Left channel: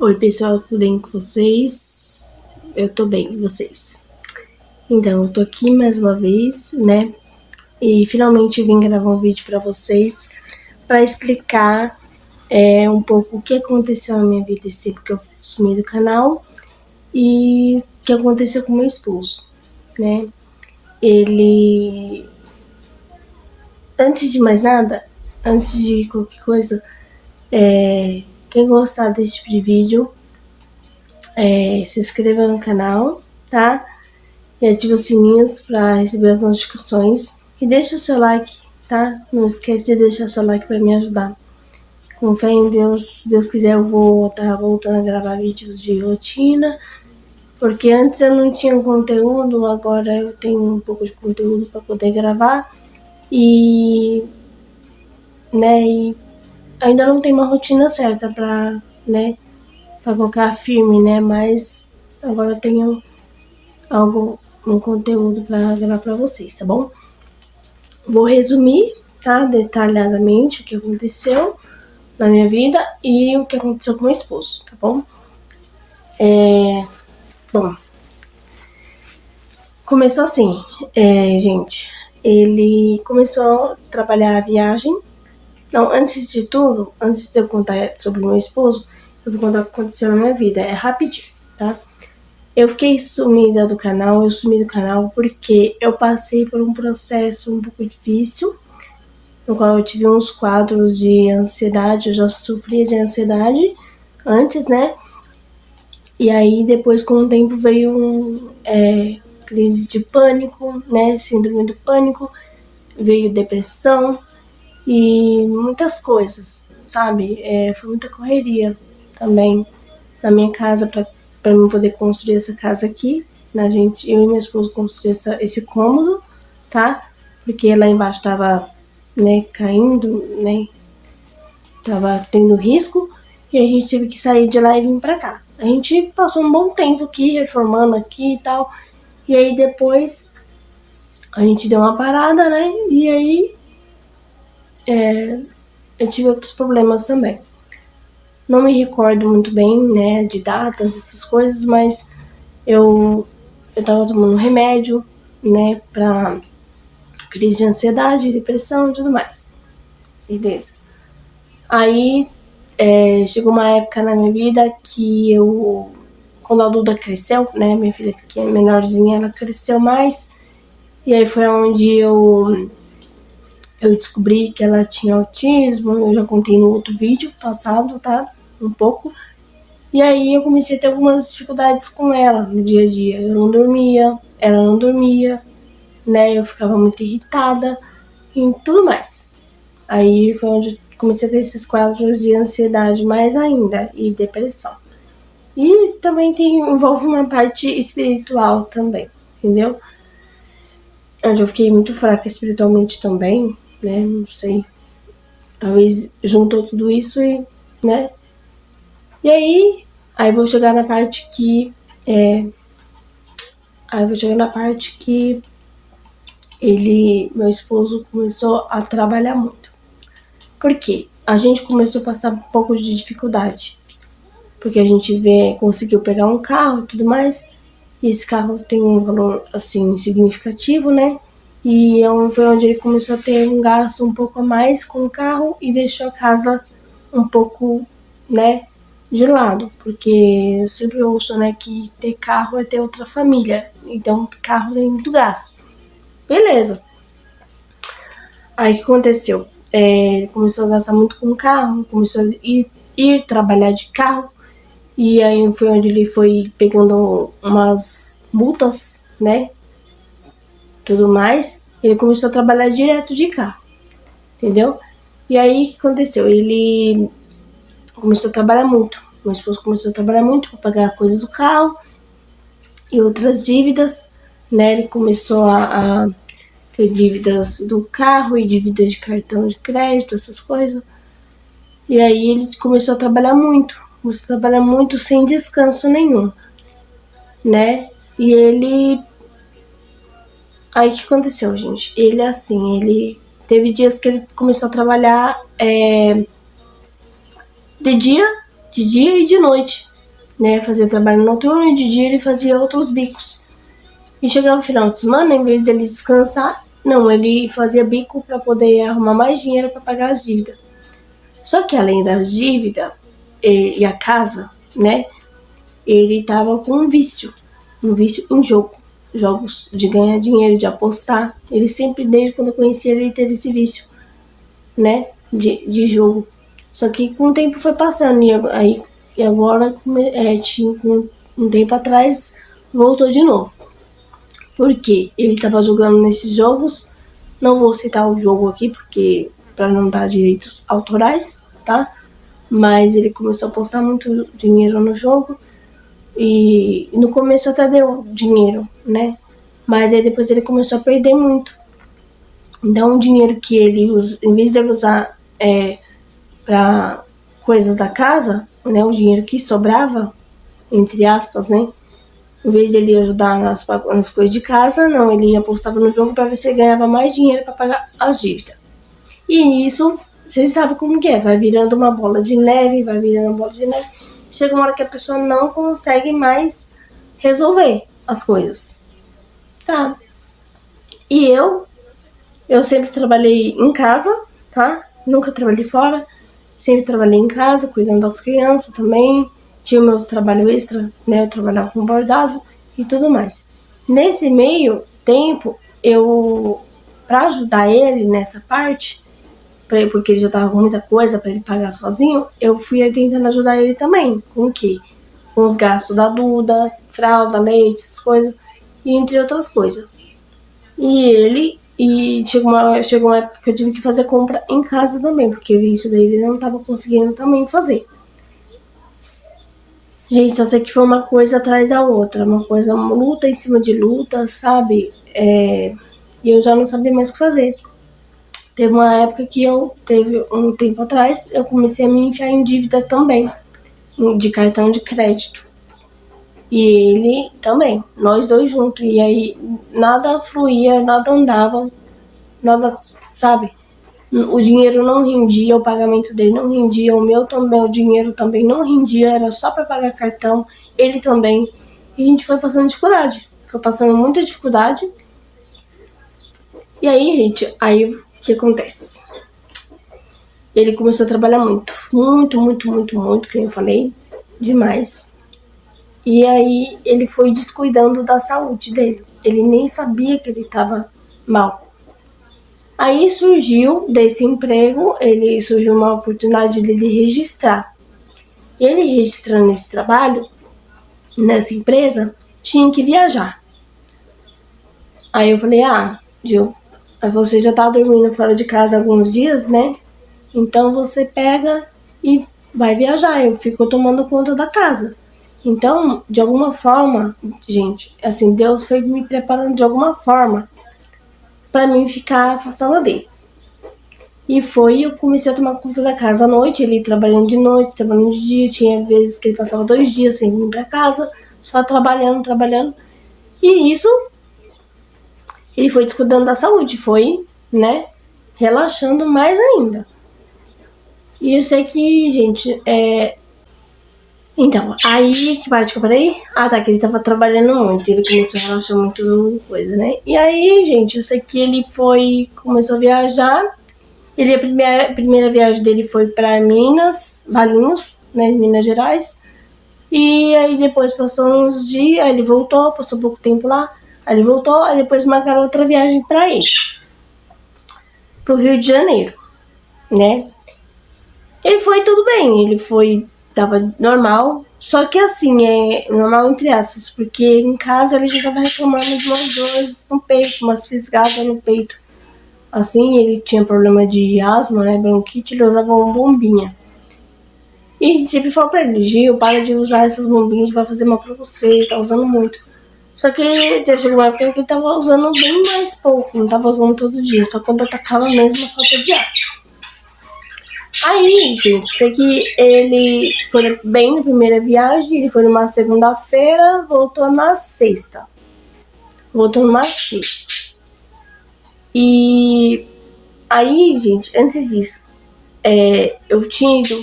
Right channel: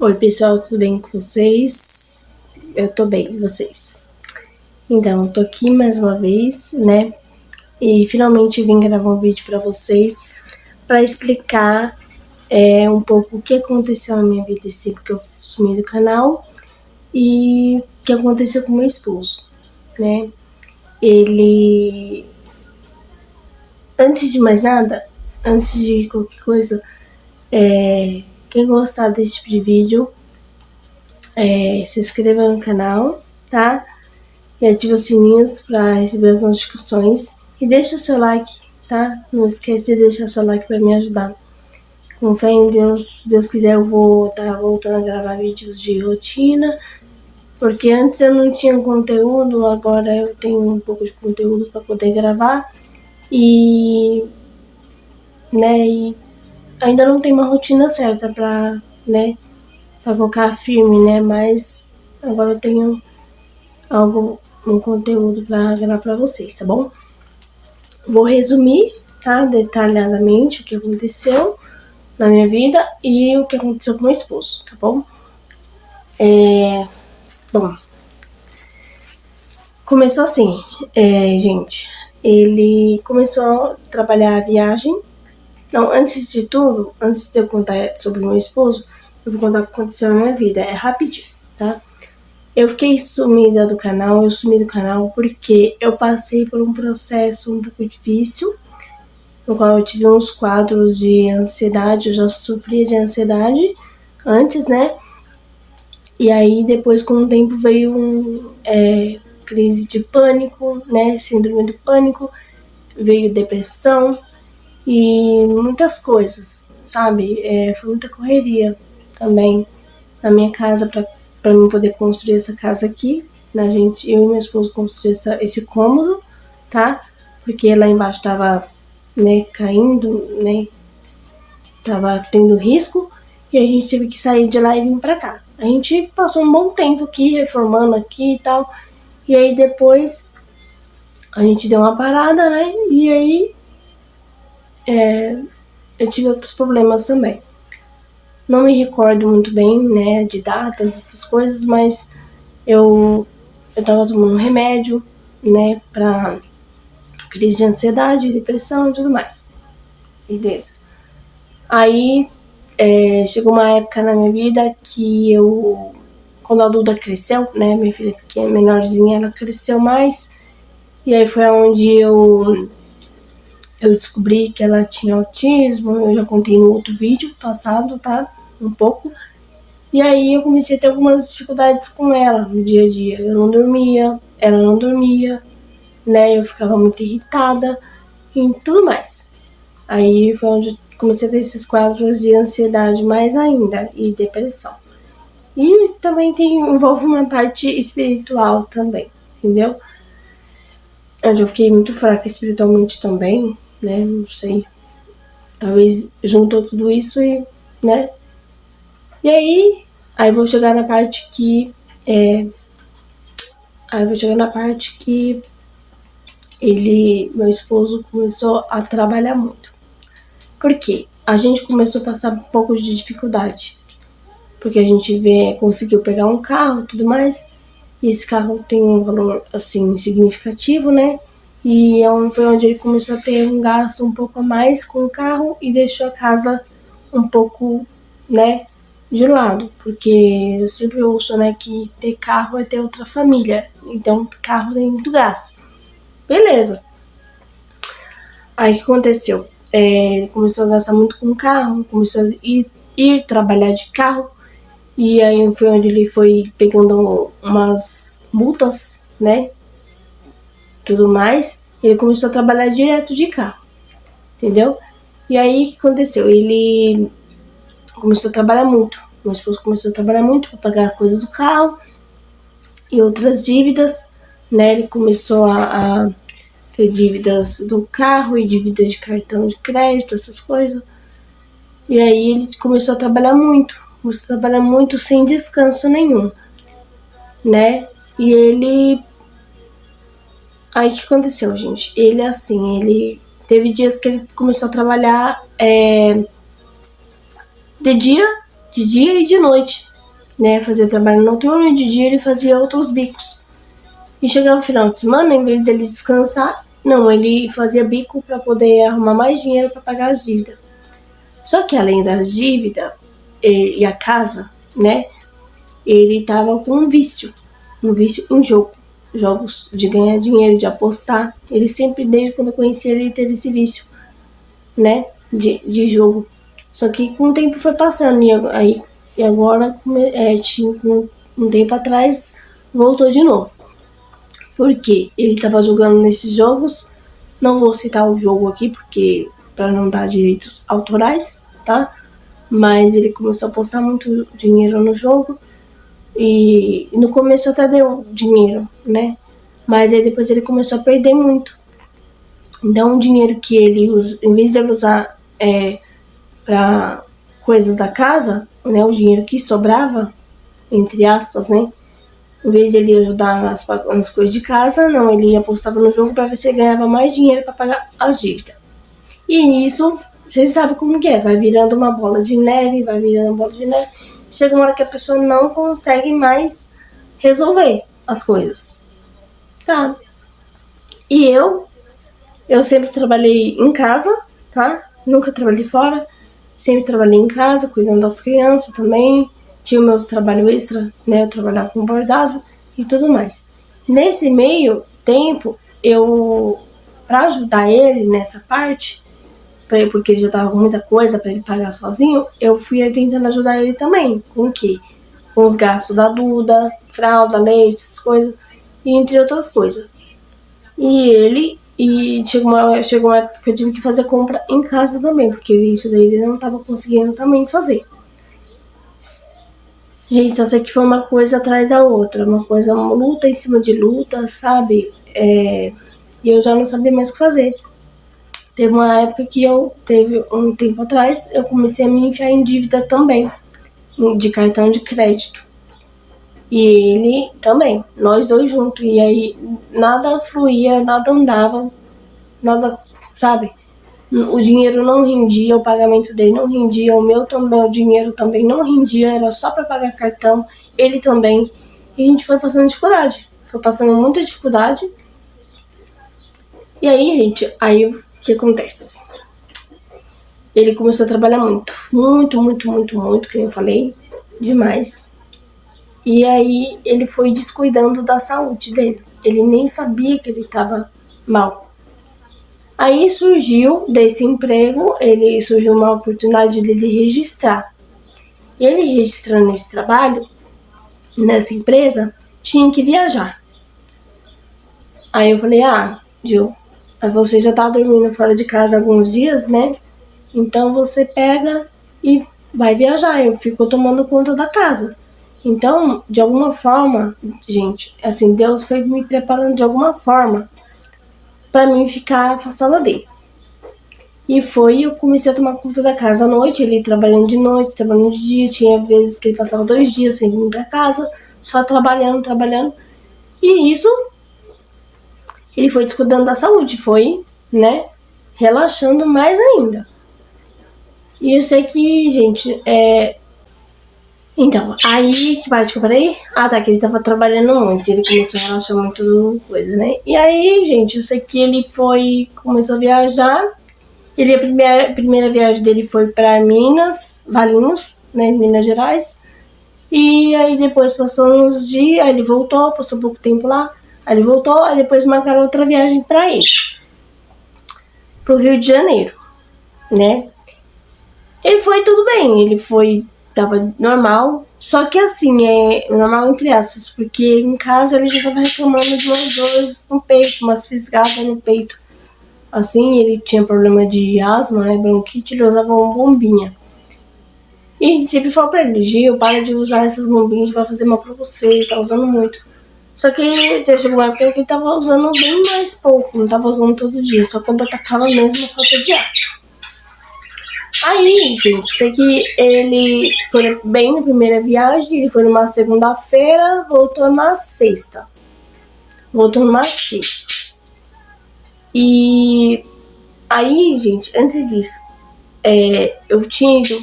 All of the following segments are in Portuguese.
Oi, pessoal, tudo bem com vocês? Eu tô bem, e vocês? Então, eu tô aqui mais uma vez, né? E finalmente vim gravar um vídeo pra vocês para explicar um pouco o que aconteceu na minha vida esse tempo que eu sumi do canal e o que aconteceu com meu esposo, né? Ele, antes de mais nada, antes de qualquer coisa, quem gostar desse tipo de vídeo, se inscreva no canal, tá? E ativa os sininhos para receber as notificações. E deixa o seu like, tá? Não esquece de deixar seu like para me ajudar. Com fé em Deus, se Deus quiser, eu vou estar voltando a gravar vídeos de rotina. Porque antes eu não tinha conteúdo, agora eu tenho um pouco de conteúdo para poder gravar. E, e ainda não tem uma rotina certa para, para colocar firme, né? Mas agora eu tenho um conteúdo para gravar para vocês, tá bom? Vou resumir, tá, detalhadamente o que aconteceu na minha vida e o que aconteceu com meu esposo, tá bom? Bom, começou assim, gente, ele começou a trabalhar a viagem. Não, antes de tudo, antes de eu contar sobre meu esposo, eu vou contar o que aconteceu na minha vida, é rapidinho, tá? Eu fiquei sumida do canal, eu sumi do canal porque eu passei por um processo um pouco difícil, no qual eu tive uns quadros de ansiedade, eu já sofria de ansiedade antes, né? E aí depois com o tempo veio crise de pânico, né? Síndrome do pânico, veio depressão e muitas coisas, sabe? Foi muita correria também na minha casa para eu poder construir essa casa aqui, né? Eu e meu esposo construir esse cômodo, tá? Porque lá embaixo tava, né, caindo, né? Tava tendo risco e a gente teve que sair de lá e vir pra cá. A gente passou um bom tempo aqui, reformando aqui e tal. E aí depois a gente deu uma parada, né? E aí eu tive outros problemas também. Não me recordo muito bem, né, de datas, essas coisas, mas eu tava tomando remédio, né, pra crise de ansiedade, depressão e tudo mais. Beleza. Aí chegou uma época na minha vida que quando a Duda cresceu, né, minha filha pequena, menorzinha, ela cresceu mais, e aí foi onde eu descobri que ela tinha autismo, eu já contei no outro vídeo passado, tá, um pouco, e aí eu comecei a ter algumas dificuldades com ela no dia a dia, eu não dormia, ela não dormia, né, eu ficava muito irritada e tudo mais. Aí foi onde comecei a ter esses quadros de ansiedade mais ainda e depressão. E também envolve uma parte espiritual também, entendeu? Onde eu fiquei muito fraca espiritualmente também, né? Não sei. Talvez juntou tudo isso e, né? E aí vou chegar na parte que. Aí vou chegar na parte que meu esposo, começou a trabalhar muito. Por quê? A gente começou a passar um pouco de dificuldade. Porque a gente conseguiu pegar um carro e tudo mais. E esse carro tem um valor, assim, significativo, né? E foi onde ele começou a ter um gasto um pouco a mais com o carro e deixou a casa um pouco, né, de lado. Porque eu sempre ouço, né, que ter carro é ter outra família. Então, carro tem muito gasto. Beleza. Aí o que aconteceu? Ele começou a gastar muito com o carro, começou a ir trabalhar de carro. E aí foi onde ele foi pegando umas multas, né? Tudo mais. E ele começou a trabalhar direto de carro, entendeu? E aí o que aconteceu? Ele começou a trabalhar muito. Meu esposo começou a trabalhar muito para pagar coisas do carro e outras dívidas, né? Ele começou a ter dívidas do carro e dívidas de cartão de crédito, essas coisas. E aí ele começou a trabalhar muito. Começou a trabalhar muito sem descanso nenhum, né? E ele. Aí o que aconteceu, gente? Ele teve dias que ele começou a trabalhar de dia, de dia e de noite, né? Fazia trabalho noturno e de dia ele fazia outros bicos. E chegava no final de semana, em vez dele descansar, não, ele fazia bico para poder arrumar mais dinheiro para pagar as dívidas. Só que além das dívidas e a casa, né? Ele tava com um vício em jogo. Jogos de ganhar dinheiro, de apostar. Ele sempre, desde quando eu conheci ele, teve esse vício, né? De jogo. Só que com o tempo foi passando. E agora, com um tempo atrás, voltou de novo. Porque ele tava jogando nesses jogos. Não vou citar o jogo aqui, porque para não dar direitos autorais, tá? Mas ele começou a apostar muito dinheiro no jogo. E no começo até deu dinheiro, né? Mas aí depois ele começou a perder muito. Então o dinheiro que ele usa, em vez de ele usar para coisas da casa, né? O dinheiro que sobrava, entre aspas, né? Em vez de ele ajudar nas coisas de casa, não, ele apostava no jogo para ver se ele ganhava mais dinheiro para pagar as dívidas. E nisso, vocês sabem como que é, vai virando uma bola de neve, chega uma hora que a pessoa não consegue mais resolver as coisas, tá? E eu sempre trabalhei em casa, tá? Nunca trabalhei fora, sempre trabalhei em casa, cuidando das crianças também, tinha o meu trabalho extra, né? Eu trabalhava com bordado e tudo mais. Nesse meio tempo, pra ajudar ele nessa parte, porque ele já tava com muita coisa para ele pagar sozinho, eu fui tentando ajudar ele também. Com o quê? Com os gastos da Duda, fralda, leite, essas coisas, e entre outras coisas. E chegou uma época que eu tive que fazer compra em casa também, porque isso daí ele não tava conseguindo também fazer. Gente, só sei que foi uma coisa atrás da outra, uma luta em cima de luta, sabe? E eu já não sabia mais o que fazer. Teve uma época que teve um tempo atrás, eu comecei a me enfiar em dívida também, de cartão de crédito. E ele também, nós dois juntos. E aí nada fluía, nada andava, nada, sabe? O dinheiro não rendia, o pagamento dele não rendia, o meu também, o dinheiro também não rendia, era só para pagar cartão, ele também. E a gente foi passando dificuldade, foi passando muita dificuldade. E aí, gente, o que acontece? Ele começou a trabalhar muito, que eu falei, demais. E aí ele foi descuidando da saúde dele. Ele nem sabia que ele estava mal. Aí surgiu desse emprego, surgiu uma oportunidade dele registrar. E ele registrando esse trabalho, nessa empresa, tinha que viajar. Aí eu falei, Gil, você já tá dormindo fora de casa alguns dias, né? Então você pega e vai viajar, eu fico tomando conta da casa. Então, de alguma forma, gente, assim, Deus foi me preparando de alguma forma para mim ficar afastada dele. E eu comecei a tomar conta da casa à noite, ele trabalhando de noite, trabalhando de dia, tinha vezes que ele passava 2 dias sem vir para casa, só trabalhando. E isso, ele foi descuidando da saúde, foi, né, relaxando mais ainda. E eu sei que, gente, Então, aí, que parte que eu falei? Que ele tava trabalhando muito, ele começou a relaxar muito coisa, né? E aí, gente, eu sei que ele começou a viajar, a primeira viagem dele foi pra Valinhos, né, Minas Gerais, e aí depois passou uns dias, aí ele voltou, passou pouco tempo lá, aí ele voltou, aí depois marcaram outra viagem pra ele, pro Rio de Janeiro, né? Ele foi tudo bem, tava normal, só que assim, normal entre aspas, porque em casa ele já tava reclamando de umas dores no peito, umas fisgadas no peito. Assim, ele tinha problema de asma, né, bronquite, ele usava uma bombinha. E a gente sempre falou pra ele, Gil, para de usar essas bombinhas, vai fazer mal pra você, ele tá usando muito. Só que chegou uma época que ele tava usando bem mais pouco, não tava usando todo dia, só quando atacava mesmo a falta de ar. Aí, gente, sei que ele foi bem na primeira viagem, ele foi numa segunda-feira, voltou numa sexta. E aí, gente, antes disso, eu tinha ido,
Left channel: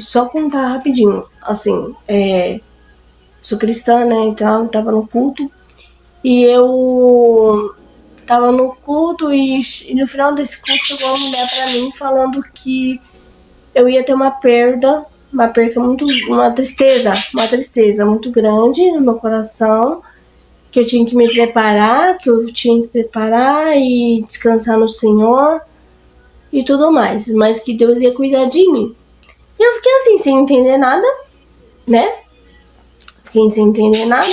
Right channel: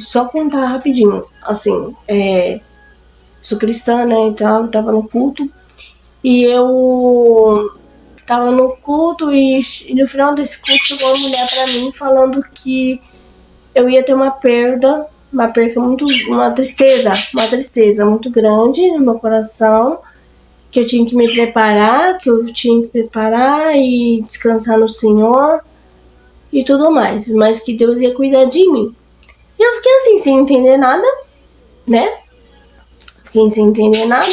só contar rapidinho, assim, sou cristã, né, então eu tava no culto, e eu tava no culto e no final desse culto chegou uma mulher pra mim falando que eu ia ter uma perca muito, uma tristeza muito grande no meu coração, que eu tinha que me preparar, e descansar no Senhor e tudo mais, mas que Deus ia cuidar de mim. E eu fiquei assim, sem entender nada, né? Fiquei sem entender nada,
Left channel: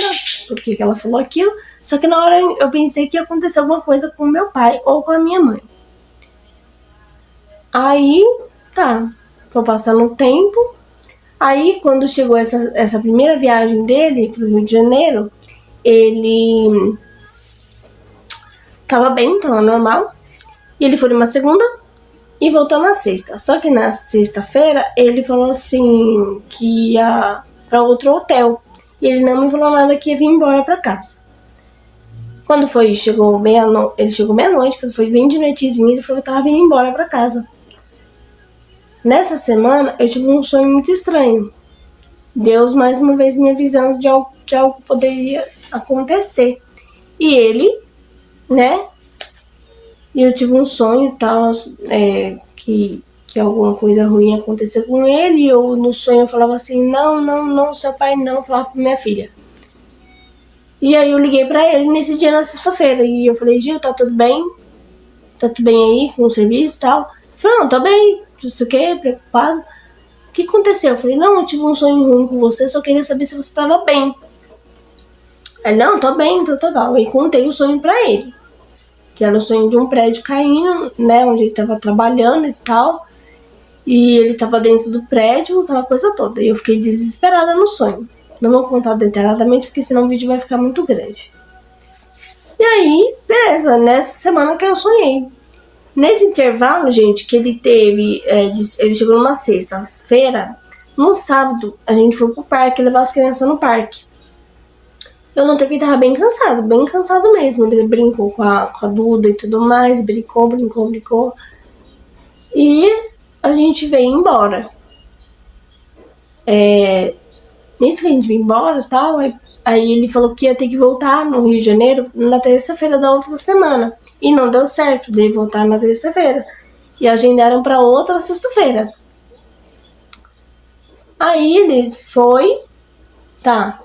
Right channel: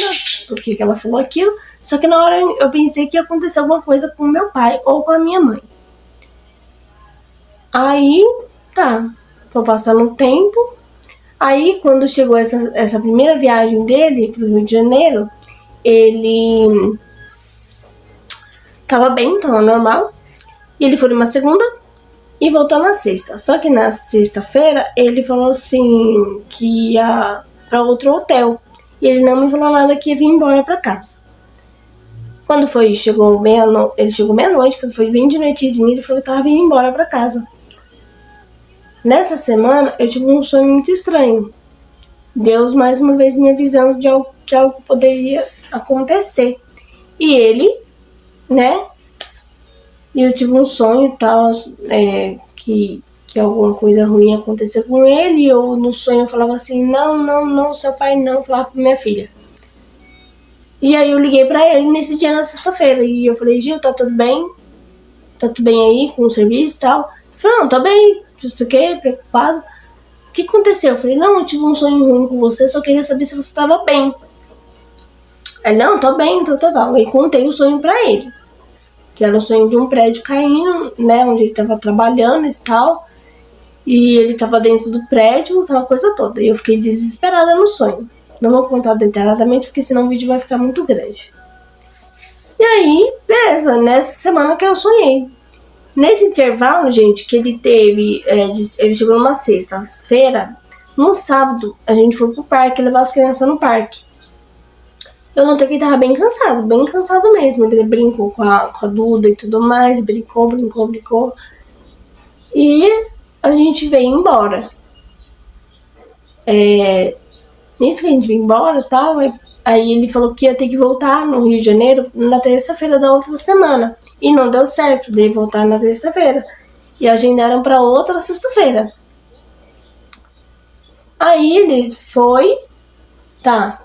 porque ela falou aquilo, só que na hora eu pensei que ia acontecer alguma coisa com meu pai ou com a minha mãe. Aí, tá, tô passando o tempo. Aí, quando chegou essa primeira viagem dele pro Rio de Janeiro, ele tava bem, tava normal. E ele foi numa segunda e voltou na sexta. Só que na sexta-feira, ele falou assim que ia pra outro hotel. E ele não me falou nada, que ia vir embora pra casa. Quando ele chegou meia-noite, quando foi bem de noitezinha, ele falou que tava vindo embora pra casa. Nessa semana, eu tive um sonho muito estranho. Deus, mais uma vez, me avisando de que algo poderia acontecer. E ele, né? E eu tive um sonho e tal, que alguma coisa ruim ia acontecer com ele. E eu, no sonho, eu falava assim, não, seu pai não, eu falava pra minha filha. E aí eu liguei pra ele nesse dia, na sexta-feira, e eu falei, Gil, tá tudo bem? Tá tudo bem aí com o serviço e tal? Ele falou, não, tá bem, não sei o que, preocupado. O que aconteceu? Eu falei, não, eu tive um sonho ruim com você, só queria saber se você tava bem. Ele, não, tô bem, tô total. E contei o sonho pra ele, que era o sonho de um prédio caindo, né, onde ele tava trabalhando e tal. E ele tava dentro do prédio, aquela coisa toda. E eu fiquei desesperada no sonho. Não vou contar detalhadamente, porque senão o vídeo vai ficar muito grande. E aí, beleza, nessa semana que eu sonhei. Nesse intervalo, gente, que ele teve, ele chegou numa sexta-feira, no sábado a gente foi pro parque, levar as crianças no parque. Eu notei que ele tava bem cansado mesmo. Ele brincou com a Duda e tudo mais, brincou. E a gente veio embora. Nisso que a gente veio embora e tal, aí ele falou que ia ter que voltar no Rio de Janeiro na terça-feira da outra semana. E não deu certo, dele voltar na terça-feira. E agendaram pra outra sexta-feira. Aí ele foi, tá,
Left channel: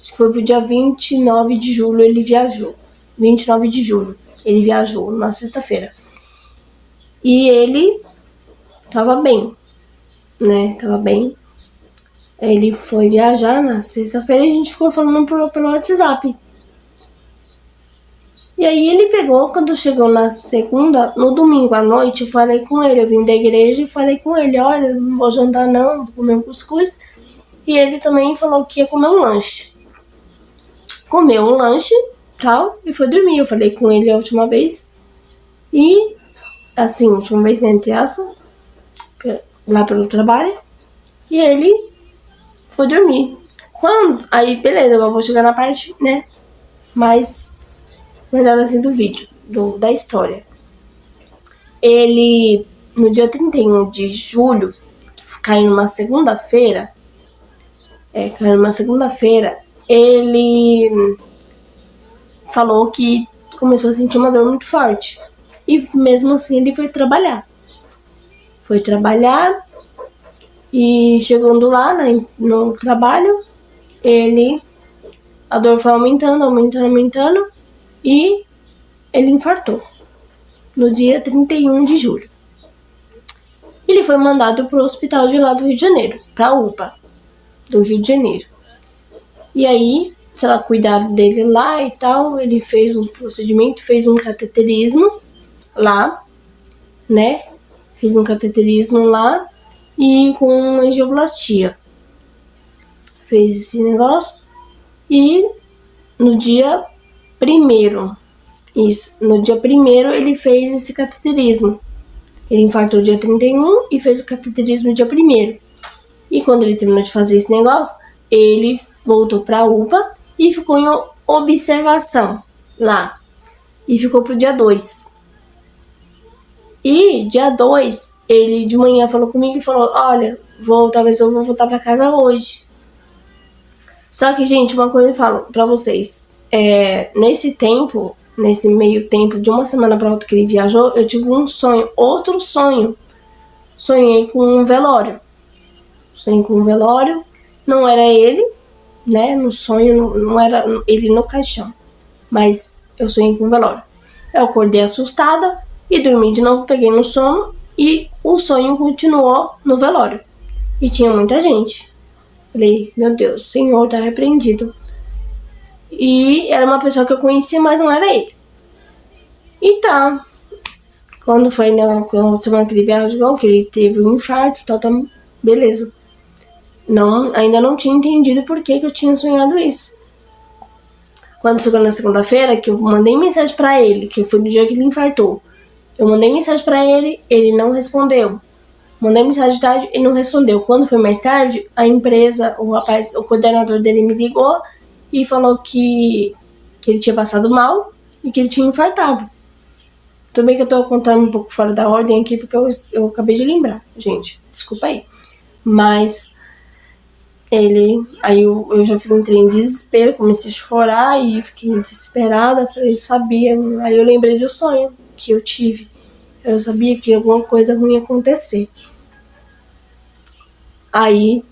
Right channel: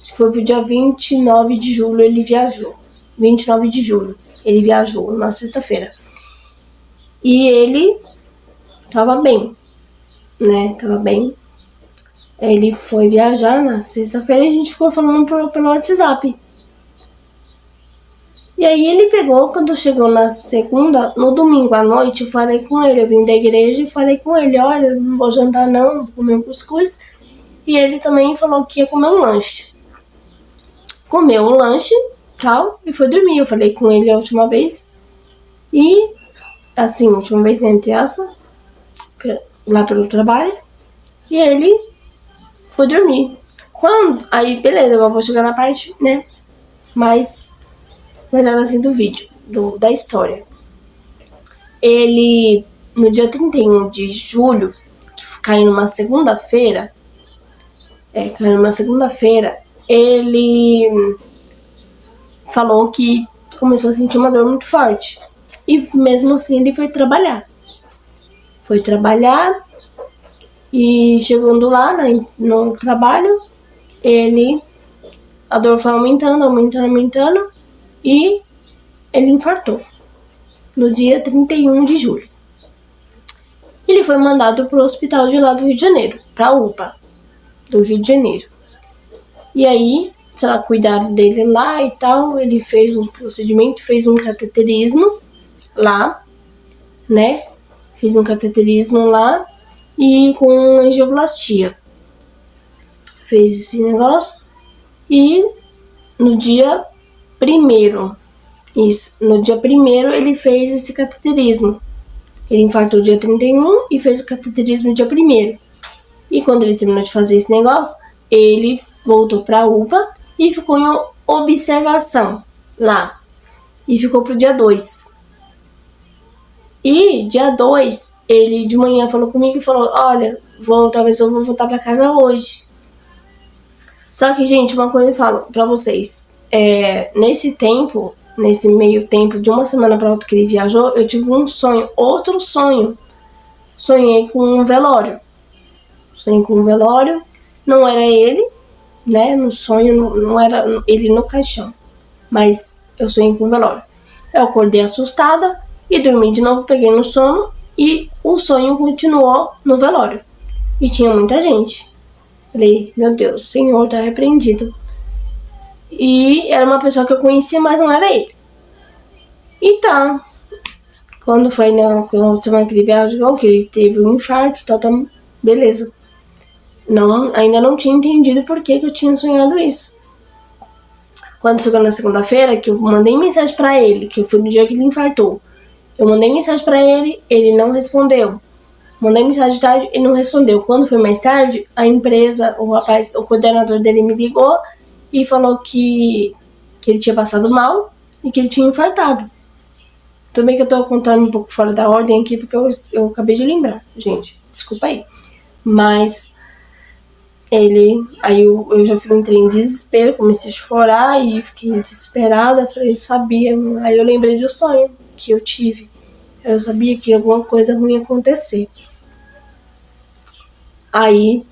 acho que foi pro dia 29 de julho ele viajou. 29 de julho ele viajou, na sexta-feira. E ele tava bem, né, tava bem. Ele foi viajar na sexta-feira e a gente ficou falando pelo WhatsApp. E aí ele pegou, quando chegou na segunda, no domingo à noite, eu falei com ele, eu vim da igreja e falei com ele, olha, não vou jantar não, vou comer um cuscuz. E ele também falou que ia comer um lanche. Comeu um lanche, tal, e foi dormir. Eu falei com ele a última vez. E, assim, a última vez, entre aspas, lá pelo trabalho. E ele foi dormir. Aí, beleza, eu vou chegar na parte, né, mais assim do vídeo, da história. Ele, no dia 31 de julho, que caiu numa segunda-feira, ele falou que começou a sentir uma dor muito forte. E mesmo assim ele foi trabalhar. E chegando lá, né, no trabalho, a dor foi aumentando, e ele infartou no dia 31 de julho. Ele foi mandado para o hospital de lá do Rio de Janeiro, para a UPA do Rio de Janeiro. E aí, sei lá, cuidaram dele lá e tal, ele fez um procedimento, fez um cateterismo lá, né? Fiz um cateterismo lá e com angioplastia. Fez esse negócio e no dia 1º, ele fez esse cateterismo. Ele infartou dia 31 e fez o cateterismo dia 1º. E quando ele terminou de fazer esse negócio, ele voltou pra UPA e ficou em observação lá. E ficou pro dia 2. E dia 2, ele de manhã falou comigo e falou, olha, talvez eu vou voltar pra casa hoje. Só que, gente, uma coisa eu falo pra vocês, nesse meio tempo, de uma semana pra outra que ele viajou, eu tive um sonho, outro sonho. Sonhei com um velório. Não era ele, né? No sonho não era ele no caixão, mas eu sonhei com um velório. Eu acordei assustada e dormi de novo, peguei no sono e o sonho continuou no velório. E tinha muita gente. Falei, meu Deus, o Senhor tá repreendido. E era uma pessoa que eu conhecia, mas não era ele. E tá. Quando foi na semana que ele viajou, que ele teve um infarto, tá, beleza. Ainda não tinha entendido por que eu tinha sonhado isso. Quando chegou na segunda-feira, que eu mandei mensagem pra ele, que foi no dia que ele infartou. Eu mandei mensagem pra ele, ele não respondeu. Mandei mensagem de tarde, ele não respondeu. Quando foi mais tarde, a empresa, o coordenador dele me ligou e falou que ele tinha passado mal e que ele tinha infartado. Também que eu tô contando um pouco fora da ordem aqui, porque eu acabei de lembrar, gente. Desculpa aí. Mas aí eu já entrei em desespero, comecei a chorar e fiquei desesperada. Falei, sabia. Aí eu lembrei do sonho que eu tive. Eu sabia que alguma coisa ruim ia acontecer. Aí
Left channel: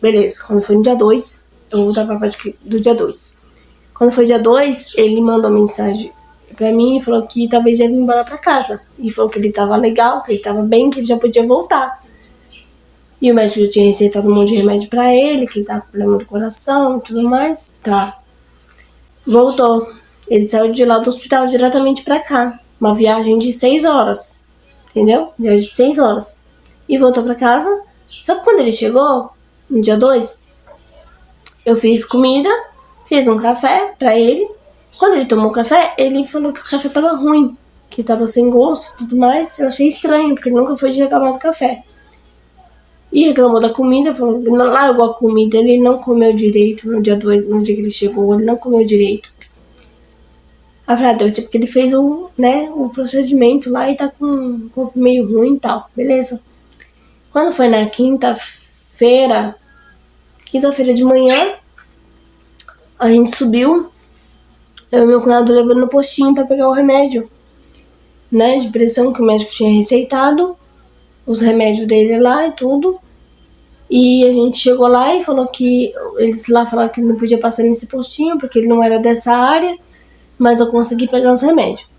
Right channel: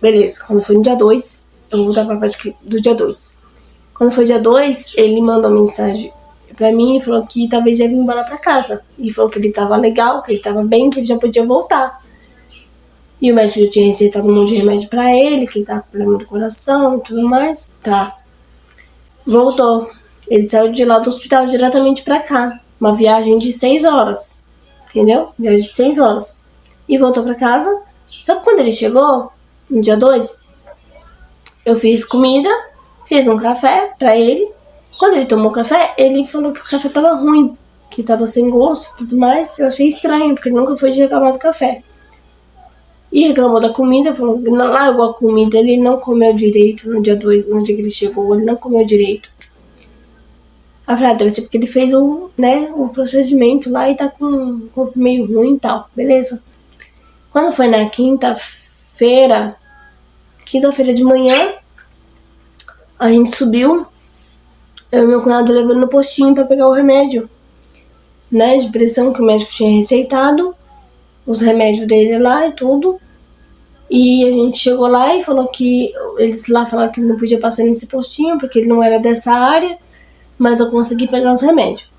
beleza, quando foi no dia 2, eu vou voltar pra parte do dia 2. Quando foi dia 2, ele mandou uma mensagem pra mim e falou que talvez ele ia embora pra casa. E falou que ele tava legal, que ele tava bem, que ele já podia voltar. E o médico já tinha receitado um monte de remédio pra ele, que ele tava com problema do coração e tudo mais. Tá. Voltou. Ele saiu de lá do hospital diretamente pra cá. Uma viagem de 6 horas. Entendeu? Viagem de 6 horas. E voltou pra casa. Só que quando ele chegou, no dia 2, eu fiz comida, fiz um café pra ele. Quando ele tomou o café, ele falou que o café tava ruim, que tava sem gosto e tudo mais. Eu achei estranho, porque ele nunca foi de reclamar do café. E reclamou da comida, falou que largou a comida, ele não comeu direito no dia que ele chegou, ele não comeu direito. A verdade deve ser porque ele fez o procedimento lá e tá com um corpo meio ruim e tal, beleza. Quando foi na quinta-feira de manhã, a gente subiu, eu e meu cunhado levando no postinho pra pegar o remédio, né, de pressão que o médico tinha receitado, os remédios dele lá e tudo. E a gente chegou lá e falou que eles lá falaram que não podia passar nesse postinho porque ele não era dessa área, mas eu consegui pegar os remédios.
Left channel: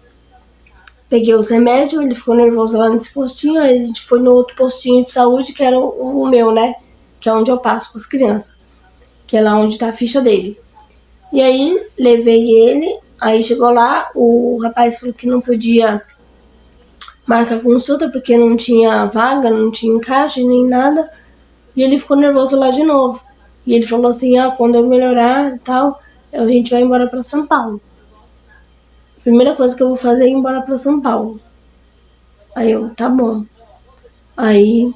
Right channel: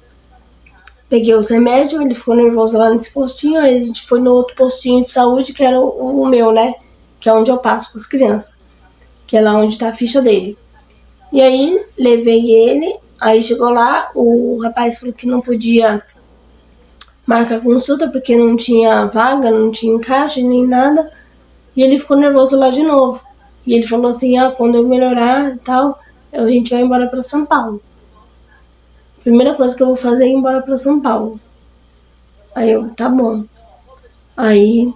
Peguei os remédios, ele ficou nervoso lá nesse postinho, aí a gente foi no outro postinho de saúde, que era o meu, né? Que é onde eu passo com as crianças, que é lá onde tá a ficha dele. E aí, levei ele, aí chegou lá, o rapaz falou que não podia marcar consulta porque não tinha vaga, não tinha encaixe, nem nada. E ele ficou nervoso lá de novo. E ele falou assim, quando eu melhorar e tal, a gente vai embora pra São Paulo. Primeira coisa que eu vou fazer é ir embora pra São Paulo. Aí eu, tá bom. Aí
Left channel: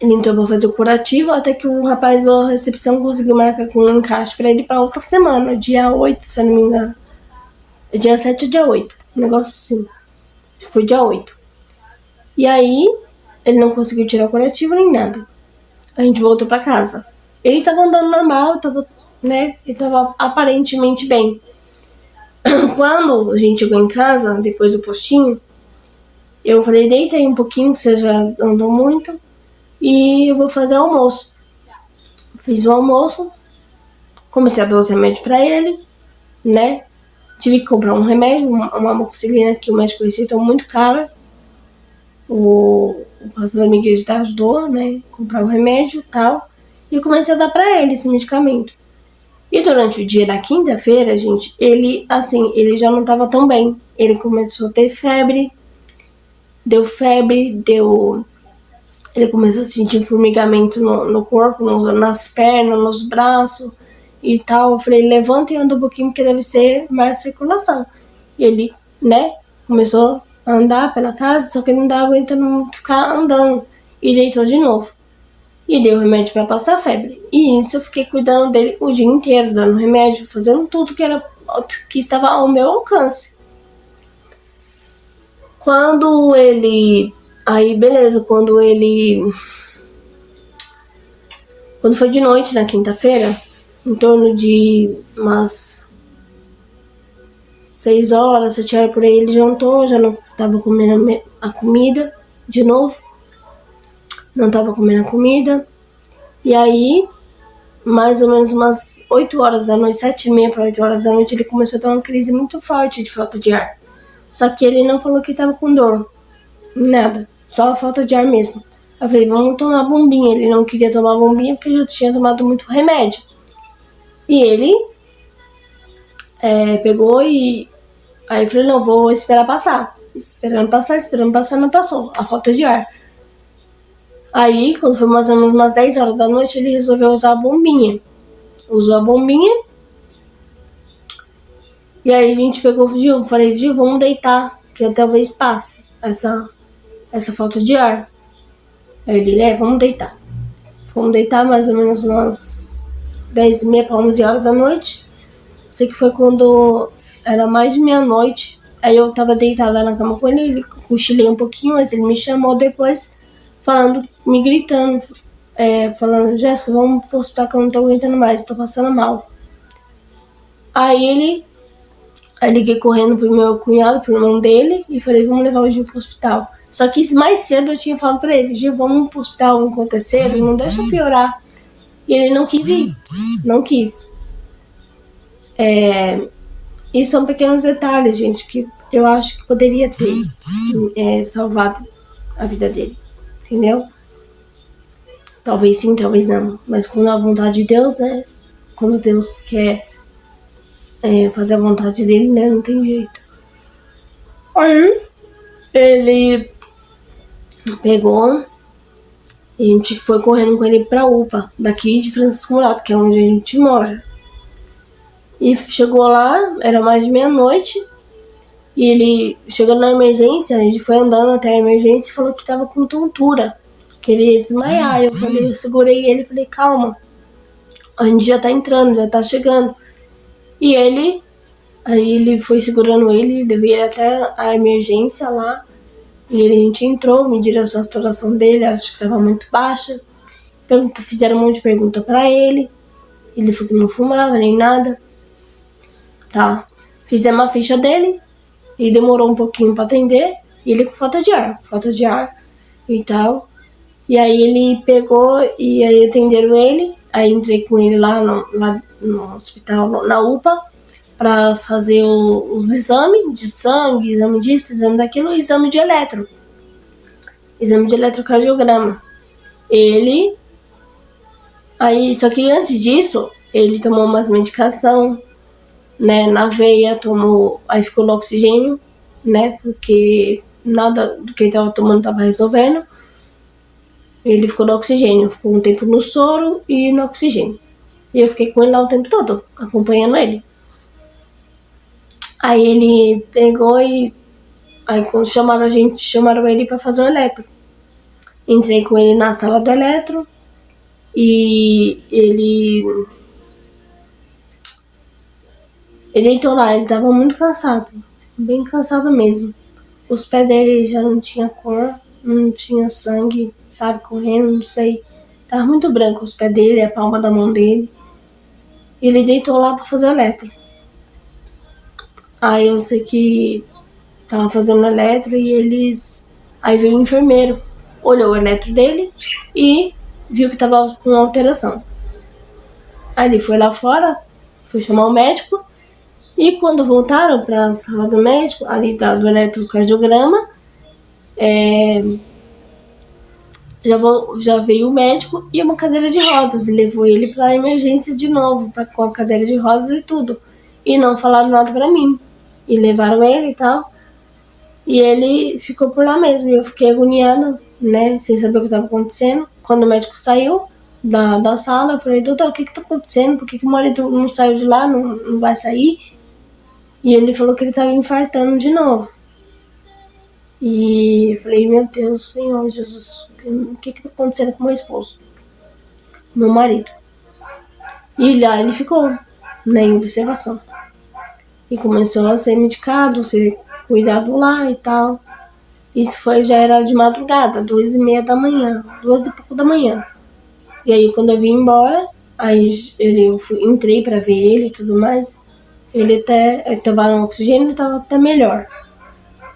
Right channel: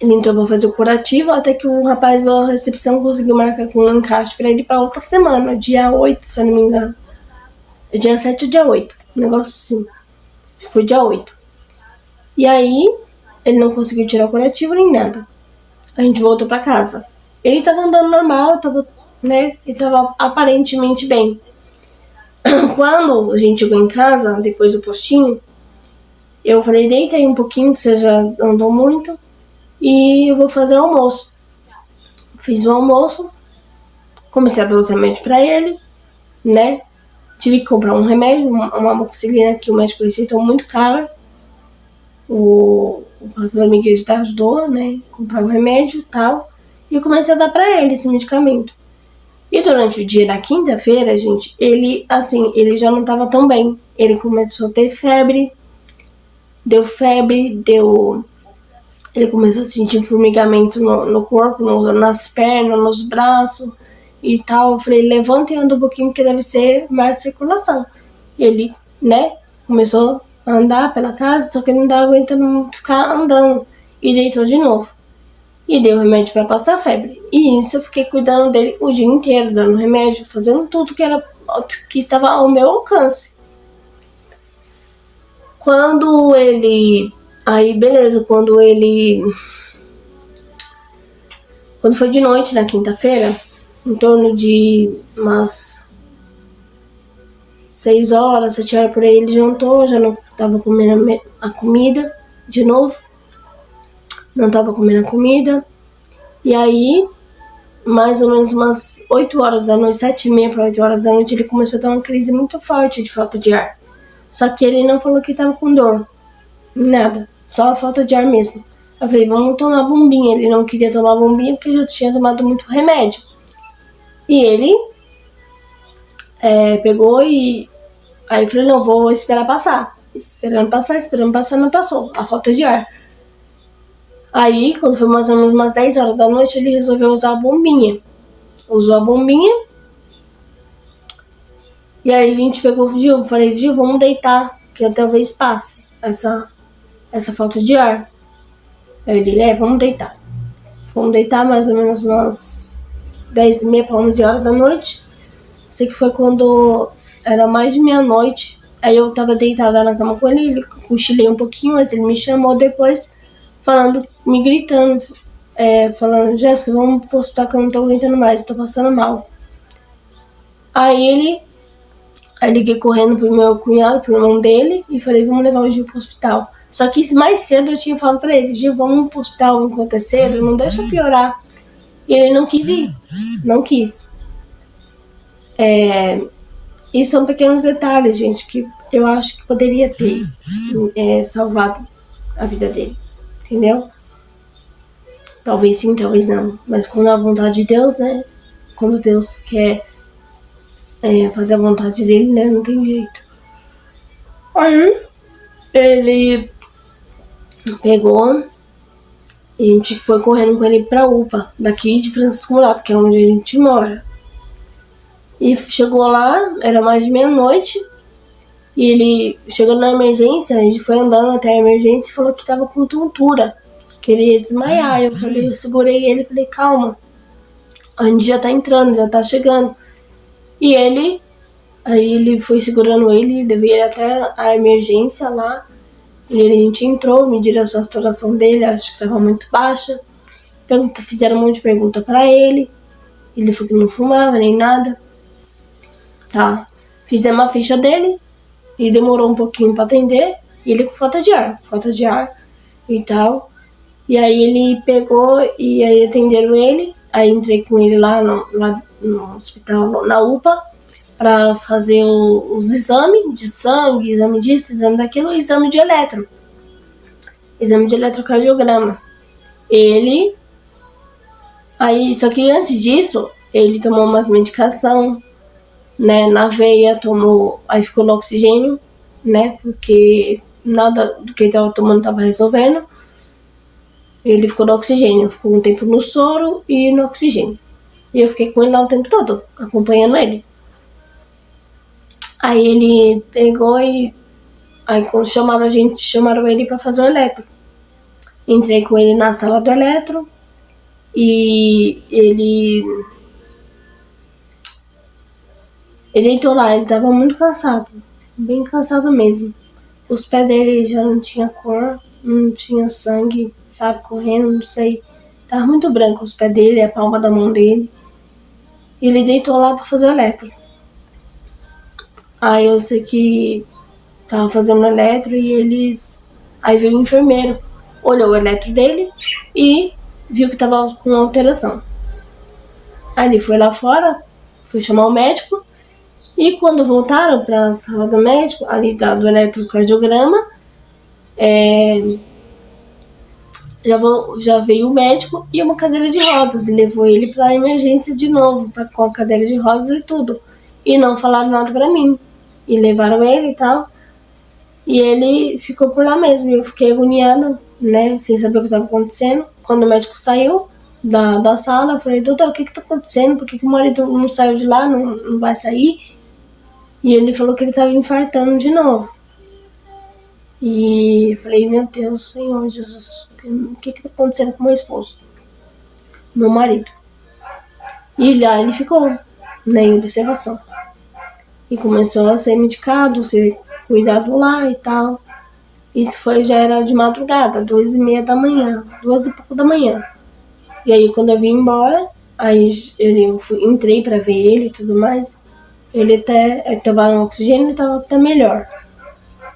ele entrou pra fazer o curativo, até que o rapaz da recepção conseguiu marcar com um encaixe pra ele pra outra semana, dia 8, se eu não me engano. Dia 7 ou dia 8, um negócio assim. Foi dia 8. E aí, ele não conseguiu tirar o curativo nem nada. A gente voltou pra casa. Ele tava andando normal, ele tava aparentemente bem. Quando a gente chegou em casa, depois do postinho, eu falei, deita aí um pouquinho, que você já andou muito, e eu vou fazer o almoço. Fiz o almoço, comecei a dar os remédios pra ele, né? Tive que comprar um remédio, uma amoxicilina que o médico receitou muito cara. O pastor da minha igreja ajudou, né? Comprar o remédio e tal. E eu comecei a dar pra ele esse medicamento. E durante o dia da quinta-feira, gente, ele já não tava tão bem. Ele começou a ter febre. Ele começou a sentir formigamento no corpo, nas pernas, nos braços e tal. Eu falei, levanta e anda um pouquinho, porque deve ser mais circulação. E ele, né, começou a andar pela casa, só que ele não dava aguentando ficar andando. E deitou de novo. E dei o remédio pra passar a febre. E isso eu fiquei cuidando dele o dia inteiro, dando remédio, fazendo tudo que estava ao meu alcance. Quando ele... Aí, beleza, quando foi de noite, na quinta-feira, em torno de umas 6 horas, 7 horas por aí, ele jantou, já não tava comendo a comida de novo. Não tava comendo a comida. E aí, mais ou menos umas 8 horas da noite, 7h30 para 8 horas da noite, ele começou a ter uma crise muito forte de falta de ar. Só que ele não falou que tava com dor, nada, só a falta de ar mesmo. Eu falei, vamos tomar bombinha. Ele não queria tomar bombinha porque já tinha tomado muito remédio. E ele pegou e... Aí eu falei, não, vou esperar passar. Esperando passar, não passou. A falta de ar. Aí, quando foi mais ou menos umas 10 horas da noite, ele resolveu usar a bombinha. Usou a bombinha. E aí a gente pegou o Gil, falei, Gil, vamos deitar, que talvez passe essa falta de ar. Aí ele, vamos deitar. Fomos deitar mais ou menos umas 10h30 para 11 horas da noite. Sei que foi quando era mais de meia-noite. Aí eu tava deitada na cama com ele cochilei um pouquinho, mas ele me chamou depois, falando, me gritando, falando, Jéssica, vamos pro hospital que eu não tô aguentando mais, tô passando mal. Aí liguei correndo pro meu cunhado, pro irmão dele, e falei, vamos levar o Gil pro hospital. Só que mais cedo eu tinha falado pra ele, Gil, vamos pro hospital enquanto é cedo, não deixa piorar. E ele não quis ir, não quis. E são pequenos detalhes, gente, que eu acho que poderia ter salvado a vida dele, entendeu? Talvez sim, talvez não, mas quando a vontade de Deus, né? Quando Deus quer fazer a vontade dele, né? Não tem jeito. Aí, ele pegou e a gente foi correndo com ele pra UPA, daqui de Francisco Murato, que é onde a gente mora. E chegou lá, era mais de meia-noite, e ele chegou na emergência, a gente foi andando até a emergência e falou que tava com tontura, que ele ia desmaiar. Eu segurei ele e falei, calma, a gente já tá entrando, já tá chegando. E aí ele foi segurando ele, levei ele até a emergência lá, e a gente entrou, mediram a saturação dele, acho que tava muito baixa, fizeram um monte de pergunta pra ele falou que não fumava nem nada, tá, fizemos a ficha dele, e demorou um pouquinho pra atender, e ele com falta de ar e tal. E aí ele pegou e aí atenderam ele, aí entrei com ele lá no hospital, na UPA, pra fazer os exames de sangue, exame disso, exame daquilo, exame de eletrocardiograma. Só que antes disso, ele tomou umas medicação, né, na veia, aí ficou no oxigênio, né, porque nada do que ele tava tomando tava resolvendo. Ele ficou no oxigênio, ficou um tempo no soro e no oxigênio. E eu fiquei com ele lá o tempo todo, acompanhando ele. Aí ele pegou aí quando chamaram ele pra fazer o eletro. Entrei com ele na sala do eletro e ele deitou lá, ele tava muito cansado, bem cansado mesmo. Os pés dele já não tinha cor, não tinha sangue, sabe, correndo, não sei. Tava muito branco os pés dele, a palma da mão dele. E ele deitou lá pra fazer o eletro. Aí eu sei que tava fazendo o eletro e aí veio o enfermeiro, olhou o eletro dele e viu que tava com alteração. Aí ele foi lá fora, foi chamar o médico. E quando voltaram para a sala do médico, ali do eletrocardiograma, já veio o médico e uma cadeira de rodas, e levou ele para a emergência de novo, com a cadeira de rodas e tudo. E não falaram nada para mim. E levaram ele e tal. E ele ficou por lá mesmo. E eu fiquei agoniada, né, sem saber o que estava acontecendo. Quando o médico saiu da sala, eu falei, doutor, o que tá acontecendo? Por que o marido não saiu de lá, não vai sair? E ele falou que ele tava infartando de novo. E eu falei, meu Deus, Senhor Jesus, o que tá acontecendo com meu esposo? Meu marido. E lá ele ficou, né, em observação. E começou a ser medicado, ser cuidado lá e tal. Isso já era de madrugada, 2h30 da manhã, 2 e pouco da manhã. E aí quando eu vim embora, aí entrei pra ver ele e tudo mais. Ele tava no oxigênio e tava até melhor.